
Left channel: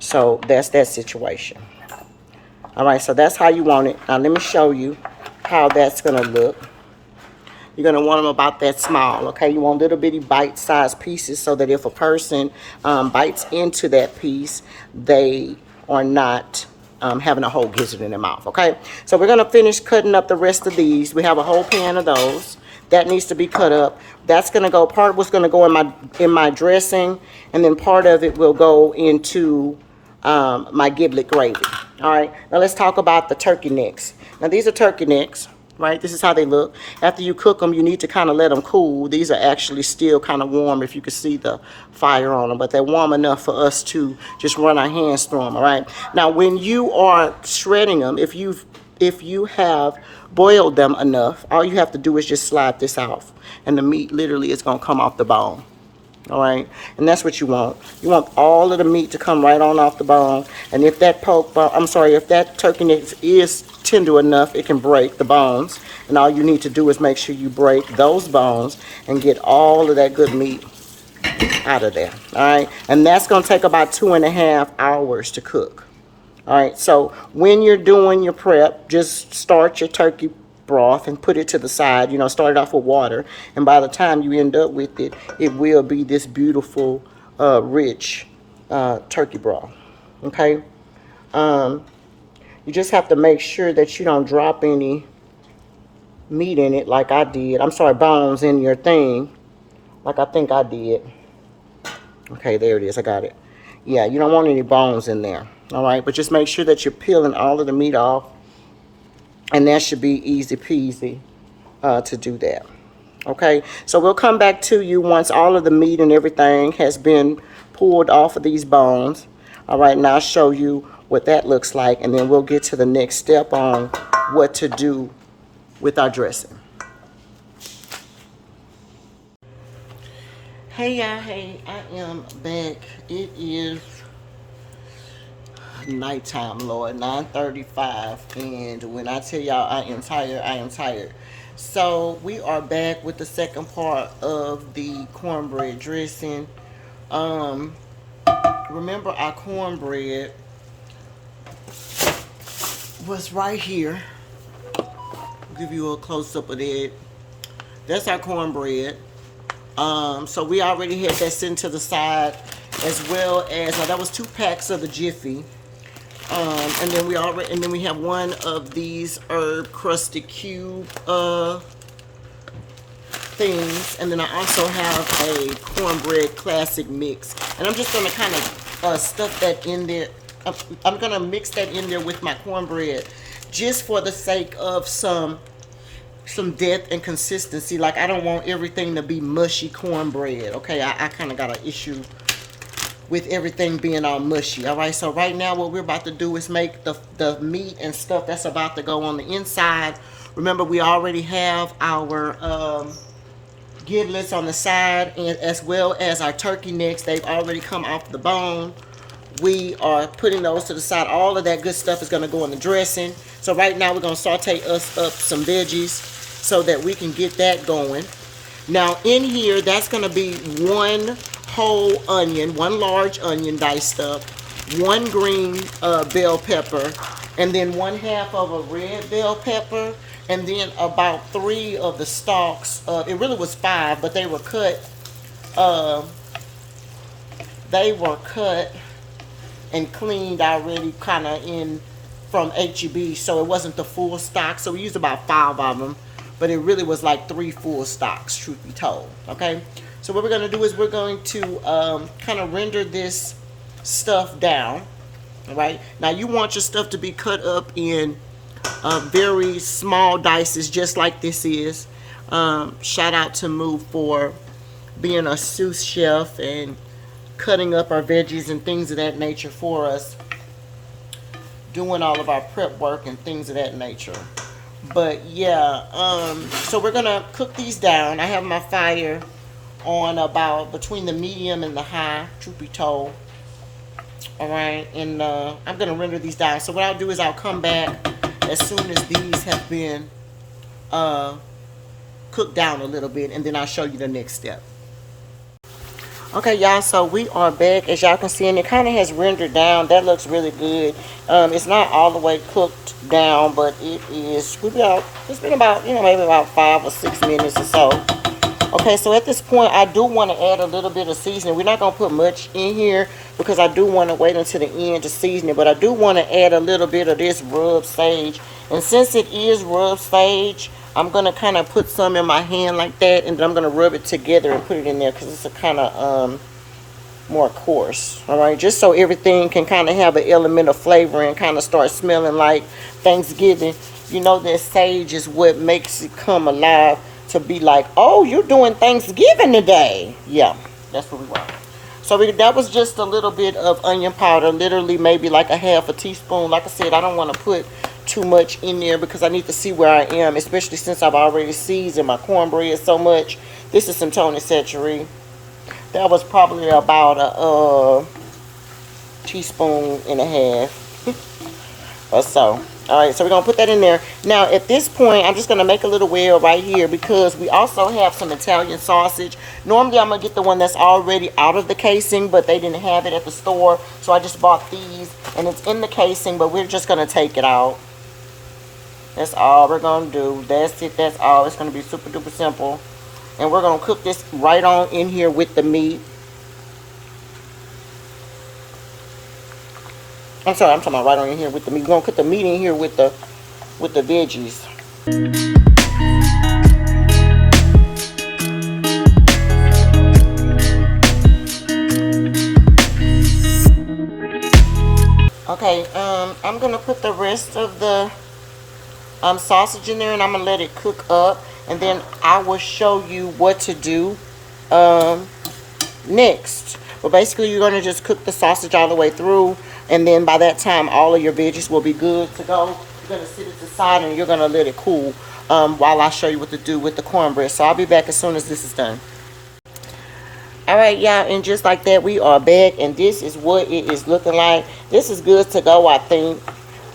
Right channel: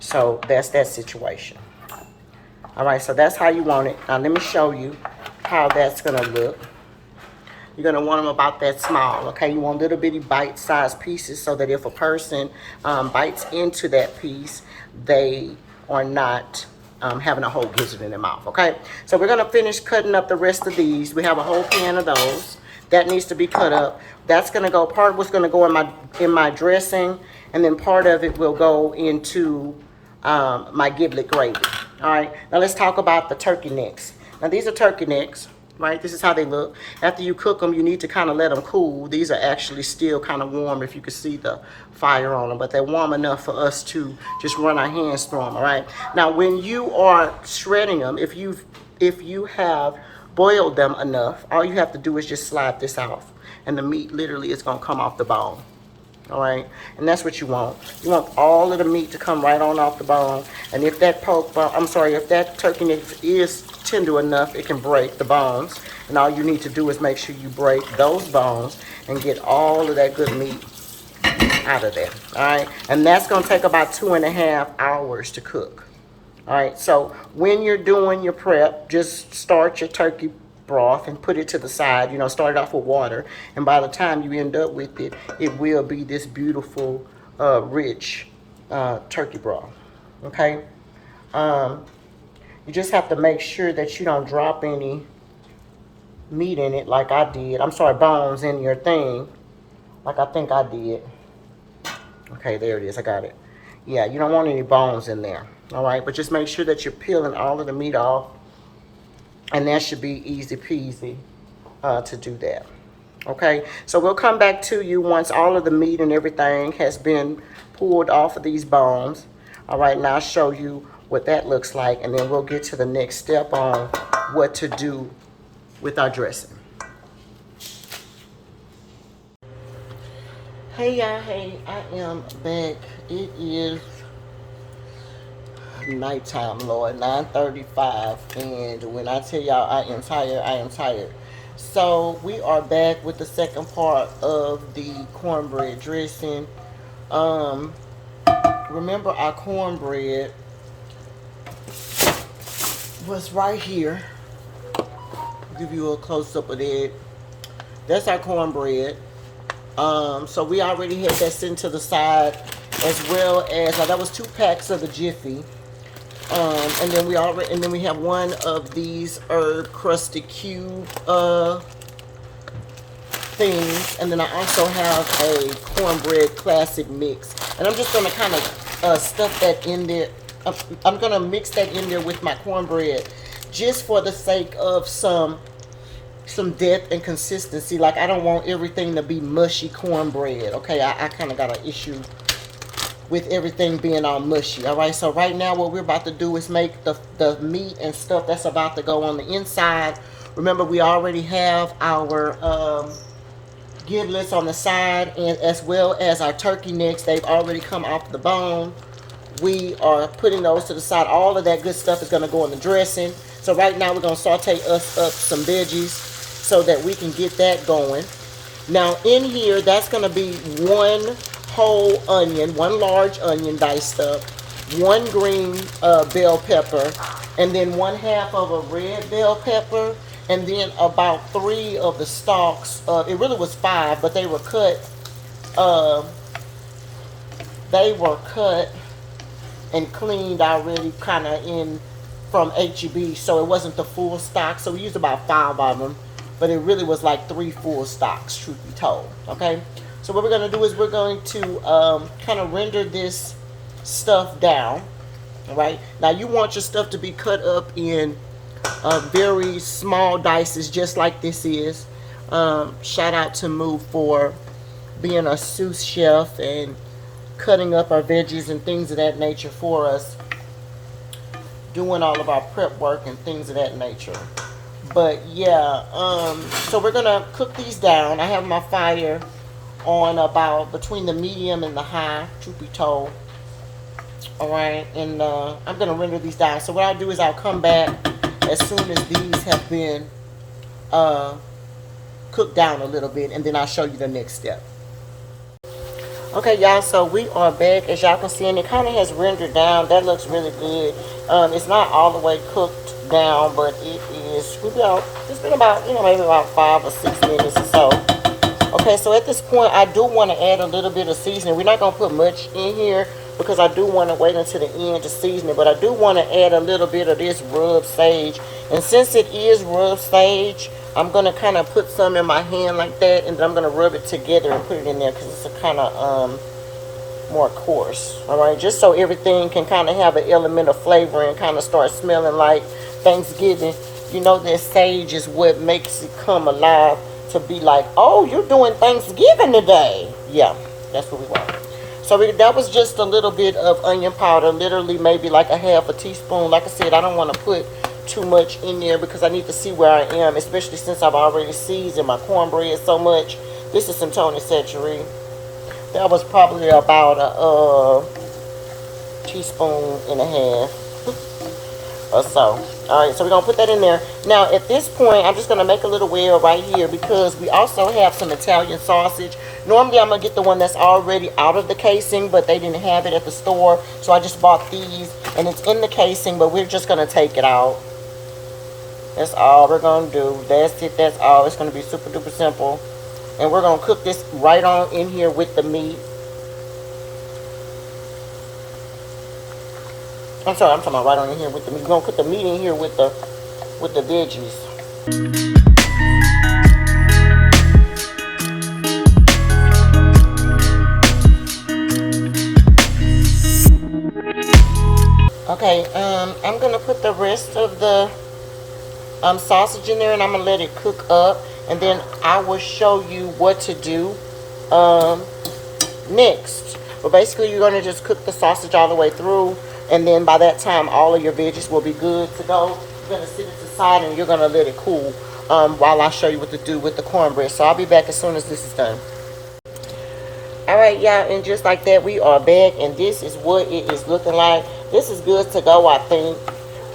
So that's that situation. All right, so that's how you want it. Now let me show you how that's gonna look. You're gonna want them about that small, okay? You want little bitty bite-sized pieces so that if a person bites into that piece, they are not having a whole gizzard in their mouth, okay? So we're gonna finish cutting up the rest of these. We have a whole pan of those. That needs to be cut up. That's gonna go, part of what's gonna go in my dressing, and then part of it will go into my giblet gravy. All right, now let's talk about the turkey necks. Now these are turkey necks, right? This is how they look. After you cook them, you need to kind of let them cool. These are actually still kind of warm if you can see the fire on them, but they're warm enough for us to just run our hands through them, all right? Now when you are shredding them, if you have boiled them enough, all you have to do is just slide this off, and the meat literally is gonna come off the bone. All right, and that's what you want. You want all of the meat to come right on off the bone. And if that if that turkey neck is tender enough, it can break the bones. And all you need to do is make sure you break those bones and get all of that good meat out of there. All right, and that's gonna take about 2.5 hours to cook. All right, so when you're doing your prep, just start your turkey broth and put it to the side. You know, start it off with water, and by the time you end up with it, it will be this beautiful rich turkey broth. Okay, you just have to make sure that you don't drop any meat in it like I did. I'm sorry, bones in your thing like I think I did. Okay, there it is, I got it. Yeah, you don't want any bones in there. All right, but just make sure that you're peeling all of the meat off, and that should be easy peasy to do that. Okay, so we'll come back to you once all of the meat and everything has been pulled off of these bones. All right, now I'll show you what that looks like, and then we'll get to the next step on what to do with our dressing. Hey y'all, hey, I am back. It is nighttime, Lord, 9:35, and when I tell y'all I am tired, I am tired. So we are back with the second part of the cornbread dressing. Remember our cornbread was right here. I'll give you a close-up of it. That's our cornbread. So we already had that sitting to the side, as well as, now that was 2 packs of the Jiffy. And then we have one of these herb crusted cube things, and then I also have a cornbread classic mix, and I'm just gonna kind of stuff that in there. I'm gonna mix that in there with my cornbread, just for the sake of some depth and consistency. Like, I don't want everything to be mushy cornbread. Okay, I kind of got an issue with everything being all mushy. All right, so right now what we're about to do is make the meat and stuff that's about to go on the inside. Remember, we already have our giblets on the side, and as well as our turkey necks. They've already come off the bone. We are putting those to the side. All of that good stuff is going to go in the dressing. So right now we're going to saute us up some veggies so that we can get that going. Now in here, that's going to be 1 whole onion, 1 large onion diced up, 1 green bell pepper, and then 1/2 of a red bell pepper, and then about 3 of the stalks. It really was 5, but they were cut. And cleaned already, kind of in from HEB, so it wasn't the full stock. So we used about 5 of them, but it really was like 3 full stocks, truth be told. Okay, so what we're going to do is we're going to kind of render this stuff down. All right. Now you want your stuff to be cut up in very small dices, just like this is. Shout out to Moo for being a sous chef and cutting up our veggies and things of that nature for us, doing all of our prep work and things of that nature. But yeah, so we're gonna cook these down. I have my fire on about between the medium and the high, truth be told. All right, and I'm gonna render these down. So what I'll do is I'll come back as soon as these have been cooked down a little bit, and then I'll show you the next step. Okay, y'all, so we are back. As y'all can see, and it kind of has rendered down. That looks really good. It's not all the way cooked down, but it is. It's been about, maybe about 5 or 6 minutes or so. Okay, so at this point, I do want to add a little bit of seasoning. We're not going to put much in here because I do want to wait until the end to season it. But I do want to add a little bit of this rub sage. And since it is rub sage, I'm going to kind of put some in my hand like that. And then I'm going to rub it together and put it in there because it's a kind of more coarse. All right, just so everything can kind of have an element of flavor and kind of start smelling like Thanksgiving. You know that sage is what makes it come alive. To be like, oh, you're doing Thanksgiving today. Yeah, that's what we want. So that was just a little bit of onion powder, literally maybe like a half a teaspoon. Like I said, I don't want to put too much in there because I need to see where I am, especially since I've already seasoned my cornbread so much. This is some Tony Chachere. That was probably about a teaspoon and a half. Or so. Alright, so we're going to put that in there. Now, at this point, I'm just going to make a little well right here because we also have some Italian sausage. Normally, I'm going to get the one that's already out of the casing, but they didn't have it at the store. So I just bought these, and it's in the casing, but we're just going to take it out. That's all we're going to do. That's it. That's all. It's going to be super duper simple. And we're going to cook this right on in here with the meat. I'm talking about right on in here with the meat. We're gonna put the meat in here with the veggies. Okay, I'm gonna put the rest of the sausage in there, and I'm gonna let it cook up, and then I will show you what to do next. But basically, you're gonna just cook the sausage all the way through. And then by that time, all of your veggies will be good to go. You're going to sit it to the side and you're going to let it cool while I show you what to do with the cornbread. So I'll be back as soon as this is done. Alright, yeah, and just like that, we are back. And this is what it is looking like. This is good to go, I think.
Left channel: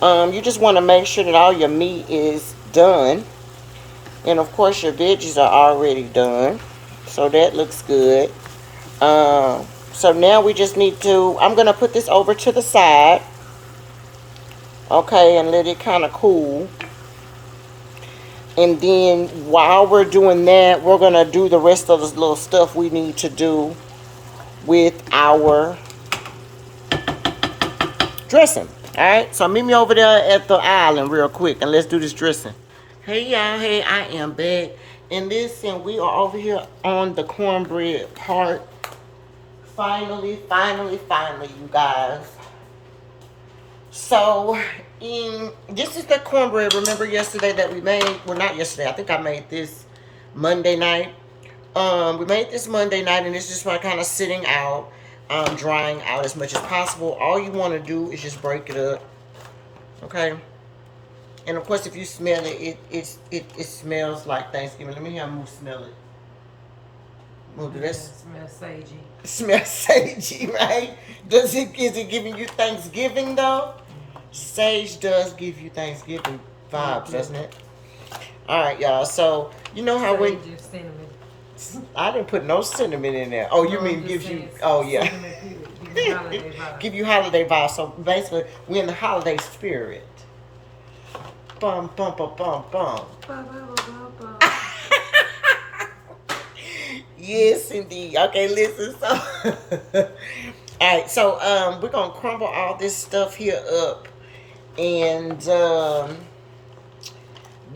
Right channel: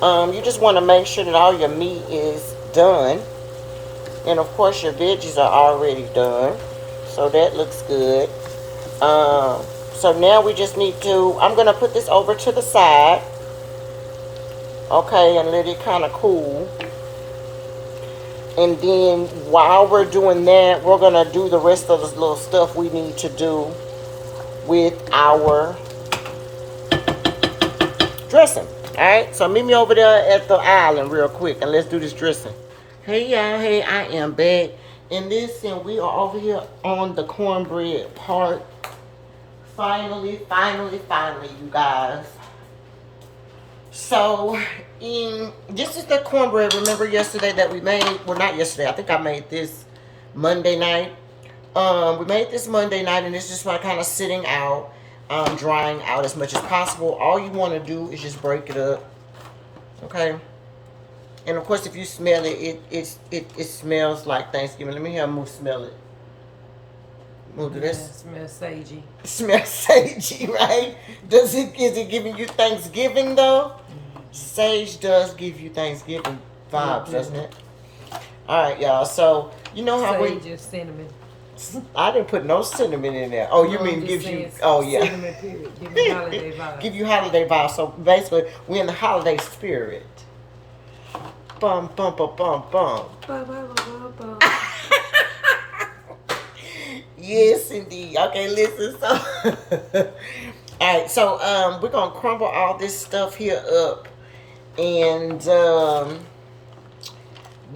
You just want to make sure that all your meat is done. And of course, your veggies are already done. So that looks good. So now we just need to, I'm going to put this over to the side. Okay, and let it kind of cool. And then while we're doing that, we're going to do the rest of this little stuff we need to do with our dressing. Alright, so meet me over there at the island real quick and let's do this dressing. Hey y'all, hey, I am back. And listen, we are over here on the cornbread part. Finally, you guys. So, this is the cornbread. Remember yesterday that we made? Well, not yesterday. I think I made this Monday night. We made this Monday night, and it's just kind of sitting out, drying out as much as possible. All you want to do is just break it up. Okay? And, of course, if you smell it, it smells like Thanksgiving. Let me have Moo smell it. We'll do this. Smells sagey. Smells sagey, right? Is it giving you Thanksgiving though? Sage does give you Thanksgiving vibes, doesn't it? All right, y'all. So you know how sage we just cinnamon. I didn't put no cinnamon in there. Oh, you mean gives you? Oh yeah. Give you holiday vibes. So basically, we're in the holiday spirit. Bum bum bum bum bum. Yes, indeed. Okay, listen. So, all right. So, we're gonna crumble all this stuff here up, and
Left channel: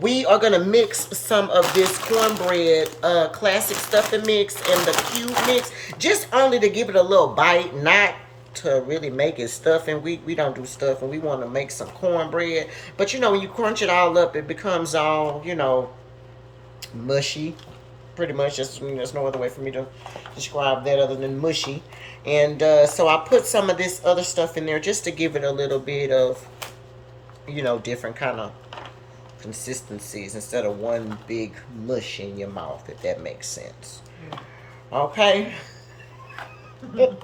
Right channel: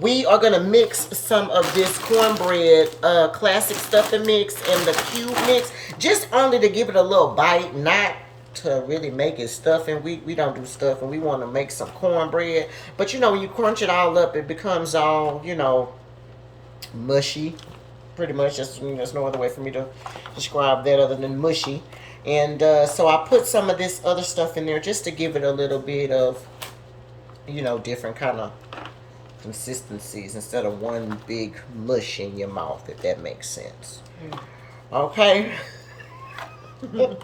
we are gonna mix some of this cornbread classic stuffing mix and the cube mix, just only to give it a little bite, not to really make it stuffing. We don't do stuffing. We want to make some cornbread. But you know, when you crunch it all up, it becomes all, you know, mushy. Pretty much, just, I mean, there's no other way for me to describe that other than mushy. And so I put some of this other stuff in there just to give it a little bit of, you know, different kind of consistencies instead of one big mush in your mouth, if that makes sense. Okay. All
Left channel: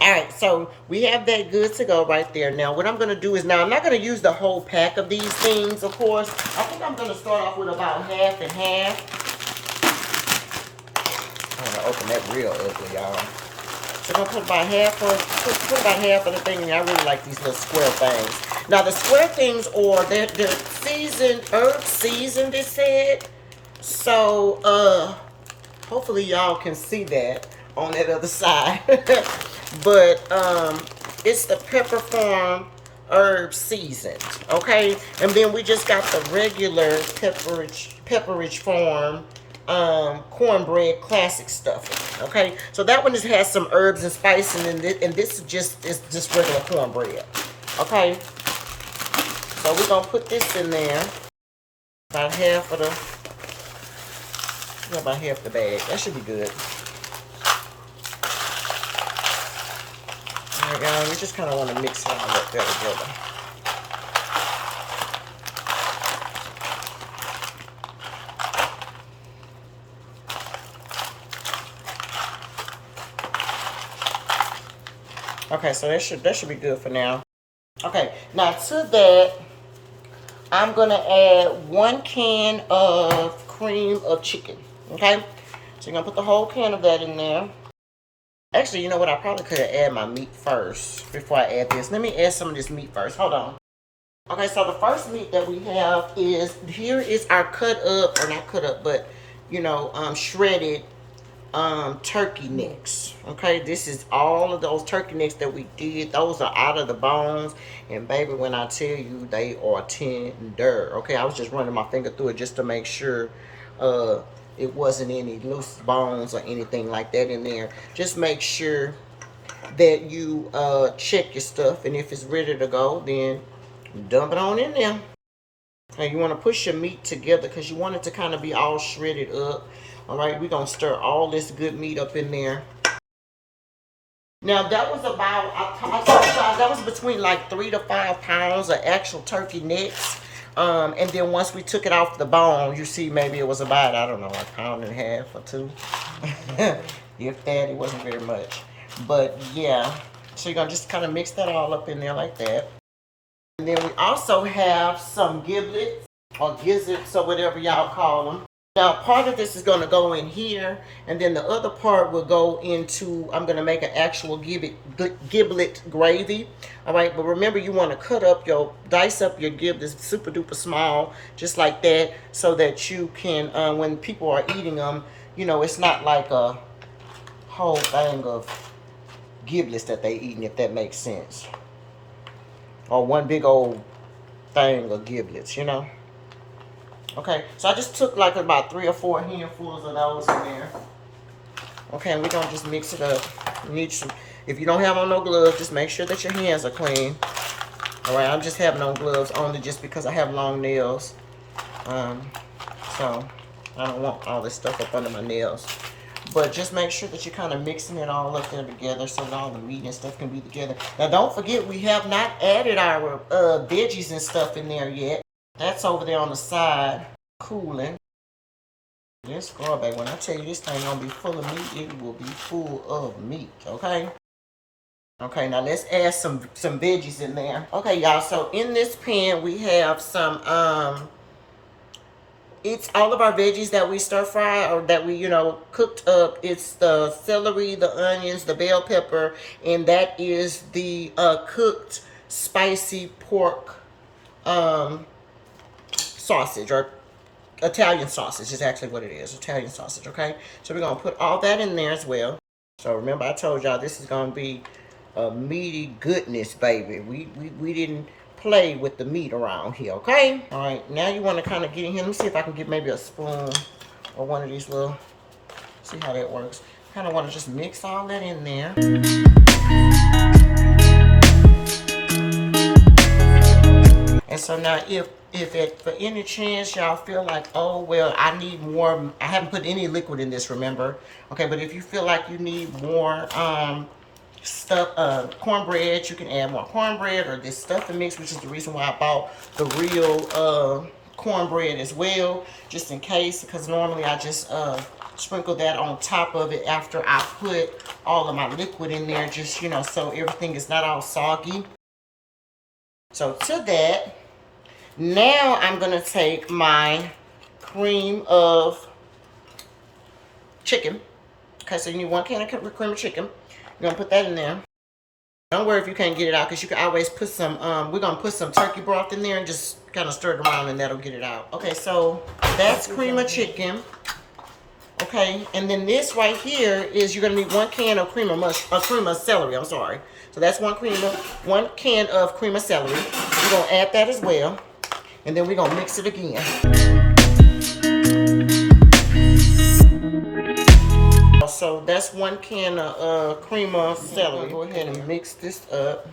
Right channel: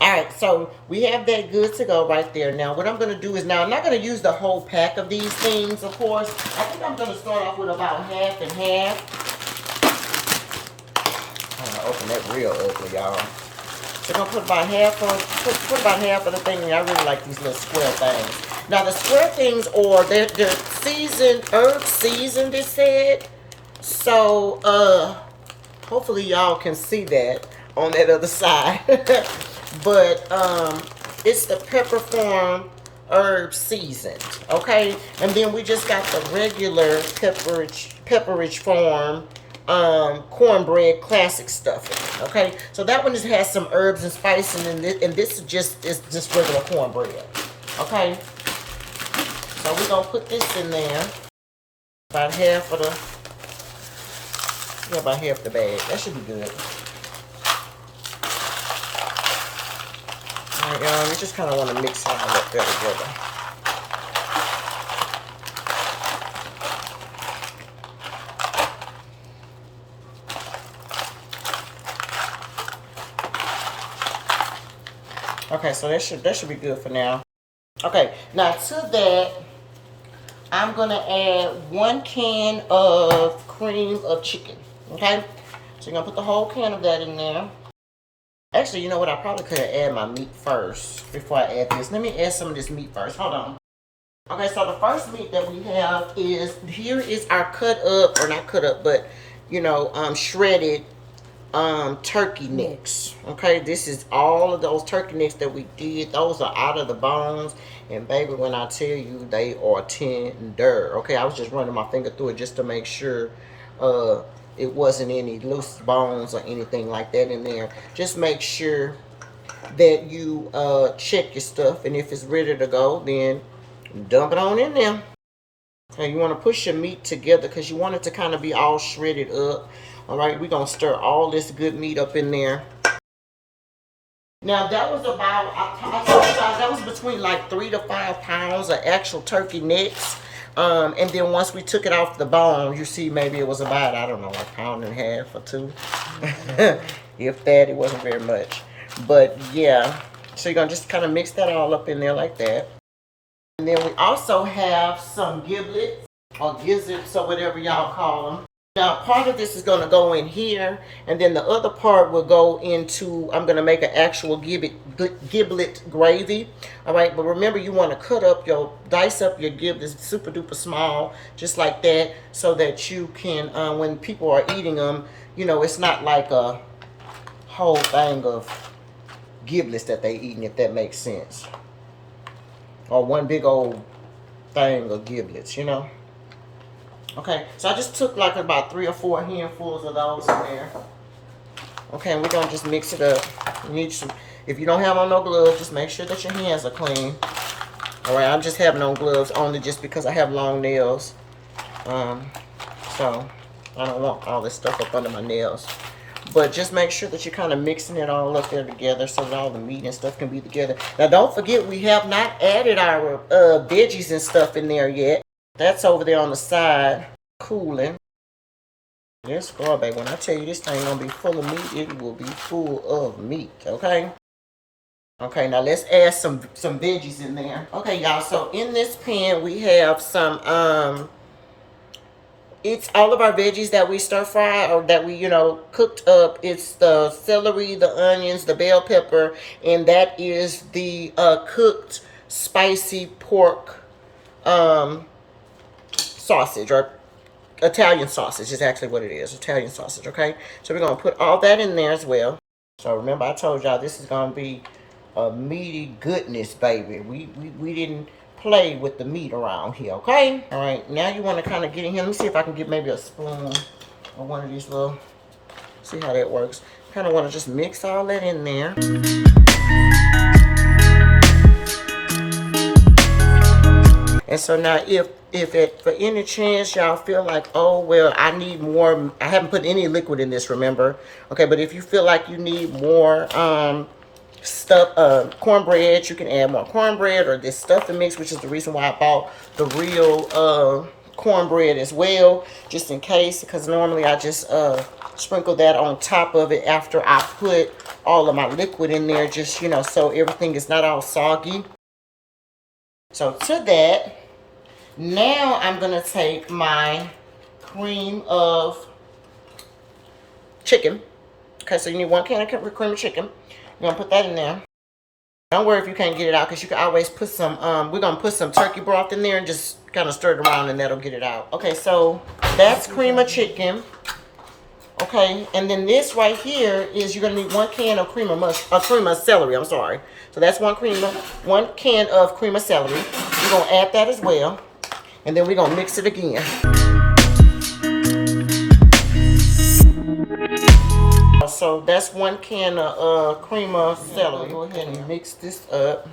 right, so we have that good to go right there. Now what I'm going to do is, now I'm not going to use the whole pack of these things, of course. I think I'm going to start off with about half and half. I'm going to open that real ugly, y'all. So I'm going to put about half of the thing. And I really like these little square things. Now the square things, or they're seasoned, herb seasoned, it said. So hopefully y'all can see that on that other side. But it's the Pepper Farm herb seasoned, okay? And then we just got the regular Pepperidge Farm cornbread classic stuffing, okay? So that one has some herbs and spices, and this is just regular cornbread, okay? So we're gonna put this in there, about half of about half the bag. That should be good. All right, y'all, we just kind of want to mix it all up there together. Okay, so that should be good for now. Okay, now to that, I'm gonna add 1 can of cream of chicken. Okay, so you're gonna put the whole can of that in there. Actually, you know what? I probably could have added my meat first before I add this. Let me add some of this meat first. Hold on. Okay, so the first meat that we have is, here is our cut up, or not cut up, but, you know, shredded turkey necks. Okay, this is all of those turkey necks that we did. Those are out of the bones. And baby, when I tell you, they are tender. Okay, I was just running my finger through it just to make sure it wasn't any loose bones or anything like that in there. Just make sure that you check your stuff, and if it's ready to go, then dump it on in there. Okay, you want to push your meat together because you want it to kind of be all shredded up. All right, we're gonna stir all this good meat up in there. Now that was about, that was between like 3 to 5 pounds of actual turkey necks. And then once we took it off the bone, you see, maybe it was about, I don't know, like 1.5 pounds or 2. If that, it wasn't very much. But yeah, so you're gonna just kind of mix that all up in there like that. And then we also have some giblets, or gizzards, or whatever y'all call them. Now, part of this is going to go in here, and then the other part will go into, I'm going to make an actual giblet gravy. All right, but remember, you want to dice up your giblets super duper small, just like that, so that you can, when people are eating them, you know, it's not like a whole thing of giblets that they eating, if that makes sense. Or one big old thing of giblets, you know. Okay, so I just took like about 3 or 4 handfuls of those in there. Okay, and we're gonna just mix it up. You need some, if you don't have on no gloves, just make sure that your hands are clean. All right, I'm just having on gloves only just because I have long nails. So I don't want all this stuff up under my nails. But just make sure that you're kind of mixing it all up there together so that all the meat and stuff can be together. Now, don't forget, we have not added our veggies and stuff in there yet. That's over there on the side, cooling. Yes, girl, baby, when I tell you this thing gonna be full of meat, it will be full of meat, okay? Okay, now let's add some veggies in there. Okay, y'all, so in this pan, we have some, it's all of our veggies that we stir fry, or that we, you know, cooked up. It's the celery, the onions, the bell pepper, and that is the cooked spicy pork, sausage, or Italian sausage is actually what it is, Italian sausage, okay? So we're going to put all that in there as well. So remember, I told y'all this is going to be a meaty goodness, baby. We didn't play with the meat around here, okay? All right, now you want to kind of get in here. Let me see if I can get maybe a spoon or one of these little, see how that works. Kind of want to just mix all that in there. And so now if for any chance y'all feel like, oh, well, I need more, I haven't put any liquid in this, remember? Okay, but if you feel like you need more cornbread, you can add more cornbread or this stuffing mix, which is the reason why I bought the real cornbread as well, just in case, because normally I just sprinkle that on top of it after I put all of my liquid in there, just, you know, so everything is not all soggy. So to that, now I'm going to take my cream of chicken. Okay, so you need 1 can of cream of chicken. You're going to put that in there. Don't worry if you can't get it out, because you can always put some, we're going to put some turkey broth in there and just kind of stir it around and that'll get it out. Okay, so that's cream of chicken. Okay, and then this right here is you're going to need 1 can of cream of celery, I'm sorry. So that's 1 can of cream of celery. We're going to add that as well. And then we're going to mix it again. So that's 1 can of cream of celery. Go ahead and mix this up.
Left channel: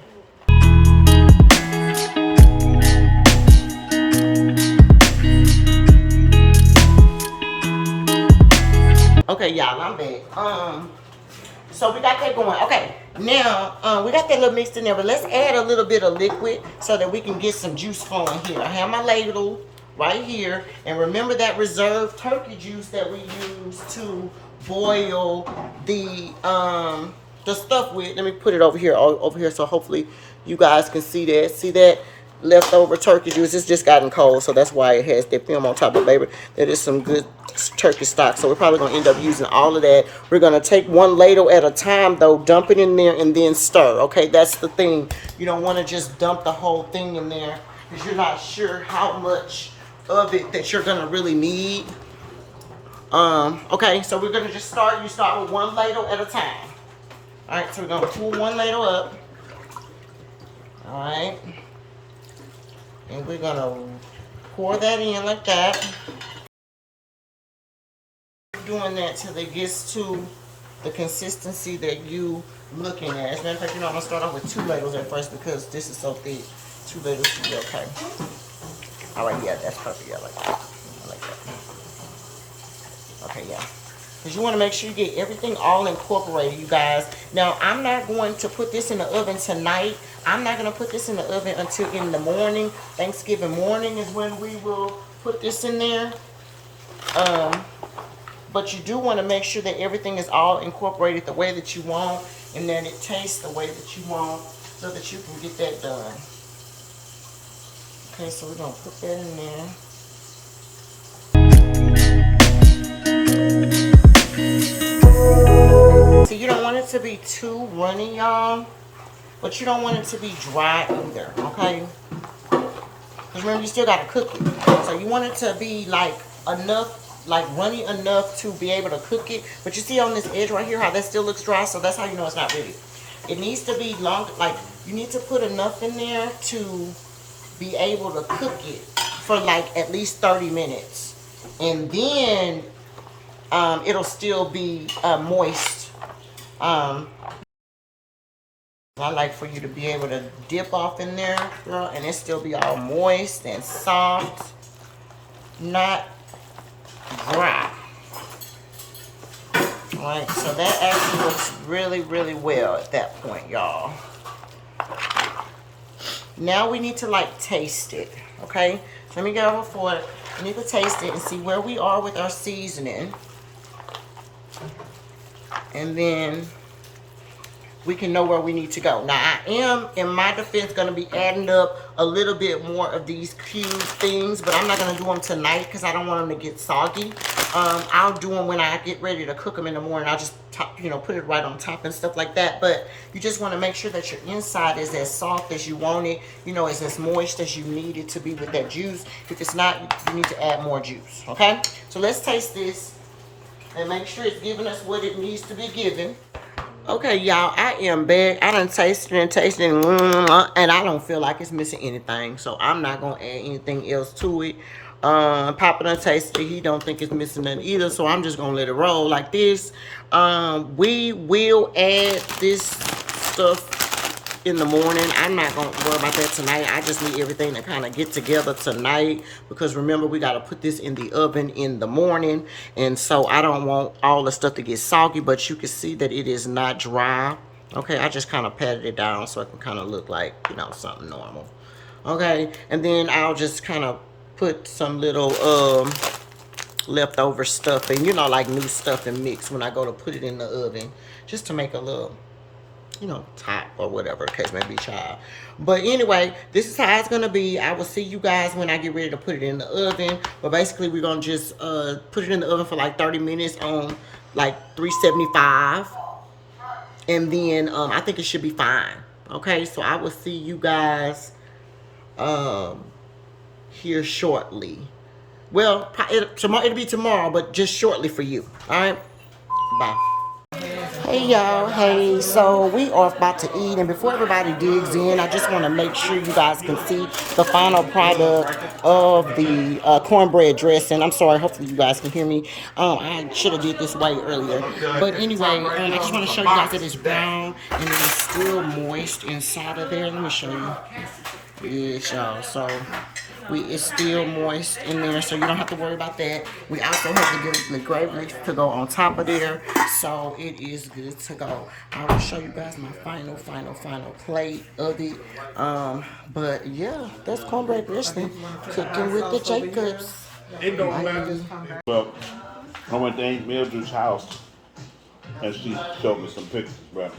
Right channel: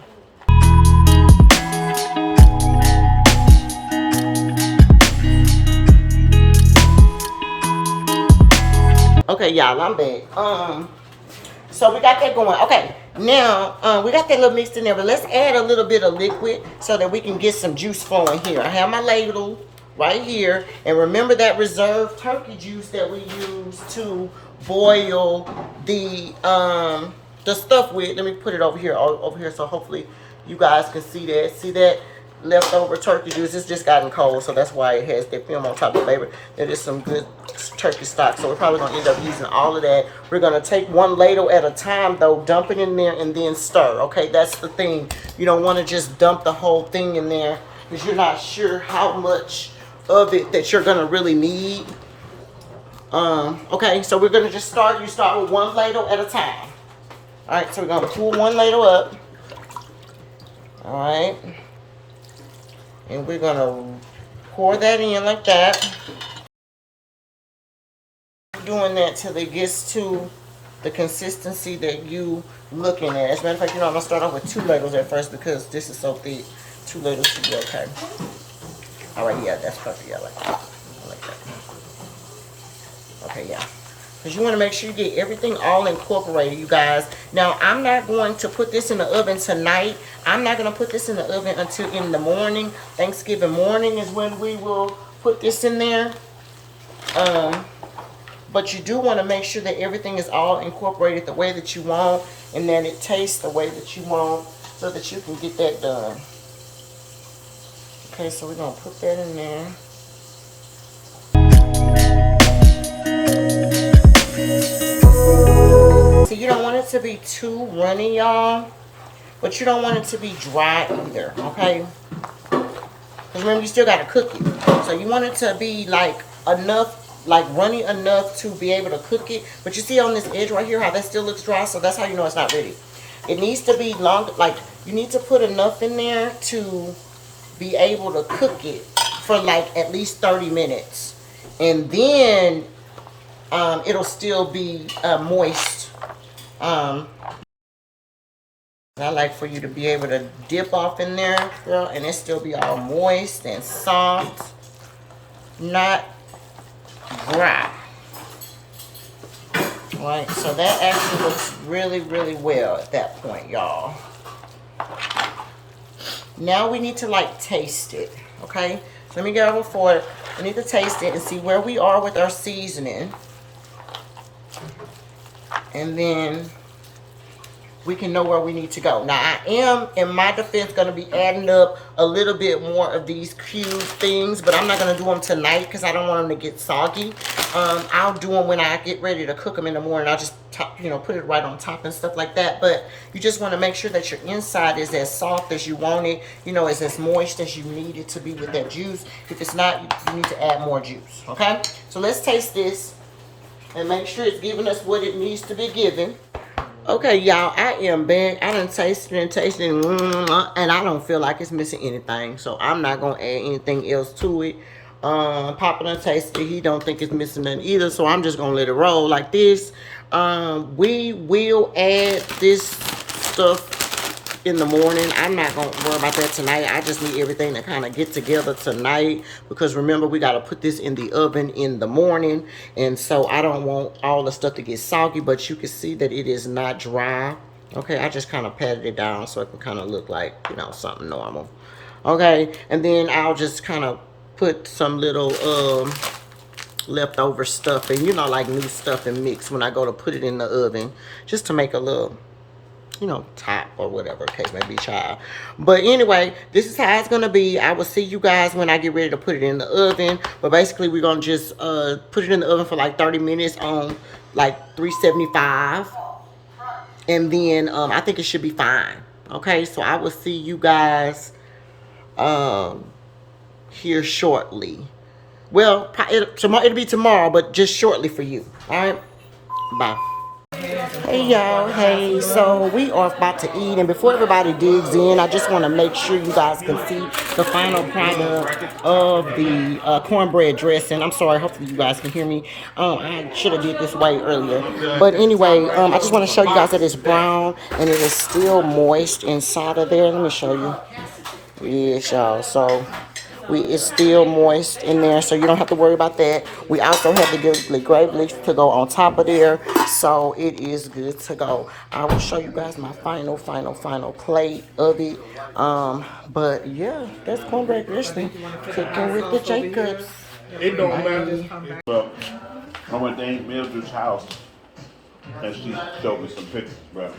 Okay, y'all, I'm back. So we got that going. Okay, now we got that little mixed in there, but let's add a little bit of liquid so that we can get some juice flowing here. I have my ladle right here, and remember that reserved turkey juice that we use to boil the stuff with. Let me put it over here, so hopefully you guys can see that. See that leftover turkey juice? It's just gotten cold, so that's why it has that film on top of it, baby. That is some good turkey stock, so we're probably going to end up using all of that. We're going to take 1 ladle at a time, though, dump it in there, and then stir. Okay, that's the thing. You don't want to just dump the whole thing in there because you're not sure how much of it that you're going to really need. Okay, so we're going to just start. You start with 1 ladle at a time. All right, so we're going to pull 1 ladle up. All right. And we're going to pour that in like that. Doing that till it gets to the consistency that you looking at. As a matter of fact, you know, I'm going to start off with 2 ladles at first because this is so thick. 2 ladles should be okay. All right, yeah, that's perfect. Yeah, I like that. I like that. Okay, yeah. Because you want to make sure you get everything all incorporated, you guys. Now, I'm not going to put this in the oven tonight. I'm not going to put this in the oven until in the morning. Thanksgiving morning is when we will put this in there. But you do want to make sure that everything is all incorporated the way that you want, and that it tastes the way that you want, so that you can get that done. Okay, so we're going to put that in there. So you don't want it to be too runny, y'all, but you don't want it to be dry either, okay? Because remember, you still got to cook it. So you want it to be like enough, like runny enough to be able to cook it. But you see on this edge right here how that still looks dry, so that's how you know it's not ready. It needs to be long, like you need to put enough in there to be able to cook it for like at least 30 minutes. And then it'll still be moist. I like for you to be able to dip off in there, girl, and it still be all moist and soft, not dry. All right, so that actually looks really, really well at that point, y'all. Now we need to like taste it, okay? So let me go over for it. We need to taste it and see where we are with our seasoning. And then we can know where we need to go. Now, I am, in my defense, going to be adding up a little bit more of these cube things, but I'm not going to do them tonight because I don't want them to get soggy. I'll do them when I get ready to cook them in the morning. I'll just, put it right on top and stuff like that. But you just want to make sure that your inside is as soft as you want it, is as moist as you need it to be with that juice. If it's not, you need to add more juice, okay? So let's taste this and make sure it's giving us what it needs to be given. Okay, y'all, I am back. I done tasted and I don't feel like it's missing anything. So I'm not going to add anything else to it. Papa done tasted it. He don't think it's missing nothing either. So I'm just going to let it roll like this. We will add this stuff in the morning. I'm not going to worry about that tonight. I just need everything to kind of get together tonight, because remember, we got to put this in the oven in the morning. And so I don't want all the stuff to get soggy, but you can see that it is not dry. Okay, I just kind of patted it down so it can kind of look like, you know, something normal. Okay, and then I'll just kind of put some little leftover stuff and, you know, like new stuff and mix when I go to put it in the oven, just to make a little, you know, top or whatever the case may be, child. But anyway, this is how it's gonna be. I will see you guys when I get ready to put it in the oven. But basically, we're gonna just put it in the oven for like 30 minutes on like 375, and then I think it should be fine. Okay, so I will see you guys here shortly. Well, it'll be tomorrow, but just shortly for you. All right, bye. Hey y'all, hey, so we are about to eat, and before everybody digs in, I just want to make sure you guys can see the final product of the cornbread dressing. I'm sorry, hopefully you guys can hear me. I should have did this way earlier, but anyway, I just want to show you guys that it's brown and it is still moist inside of there. Let me show you. Yes, y'all, so it's still moist in there, so you don't have to worry about that. We also have the gravy to go on top of there, so it is good to go. I will show you guys my final plate of it. But yeah, that's cornbread dressing, cooking with the Jacobs. It don't matter. Well, I went to Aunt Mildred's house and she showed me some pictures, bro.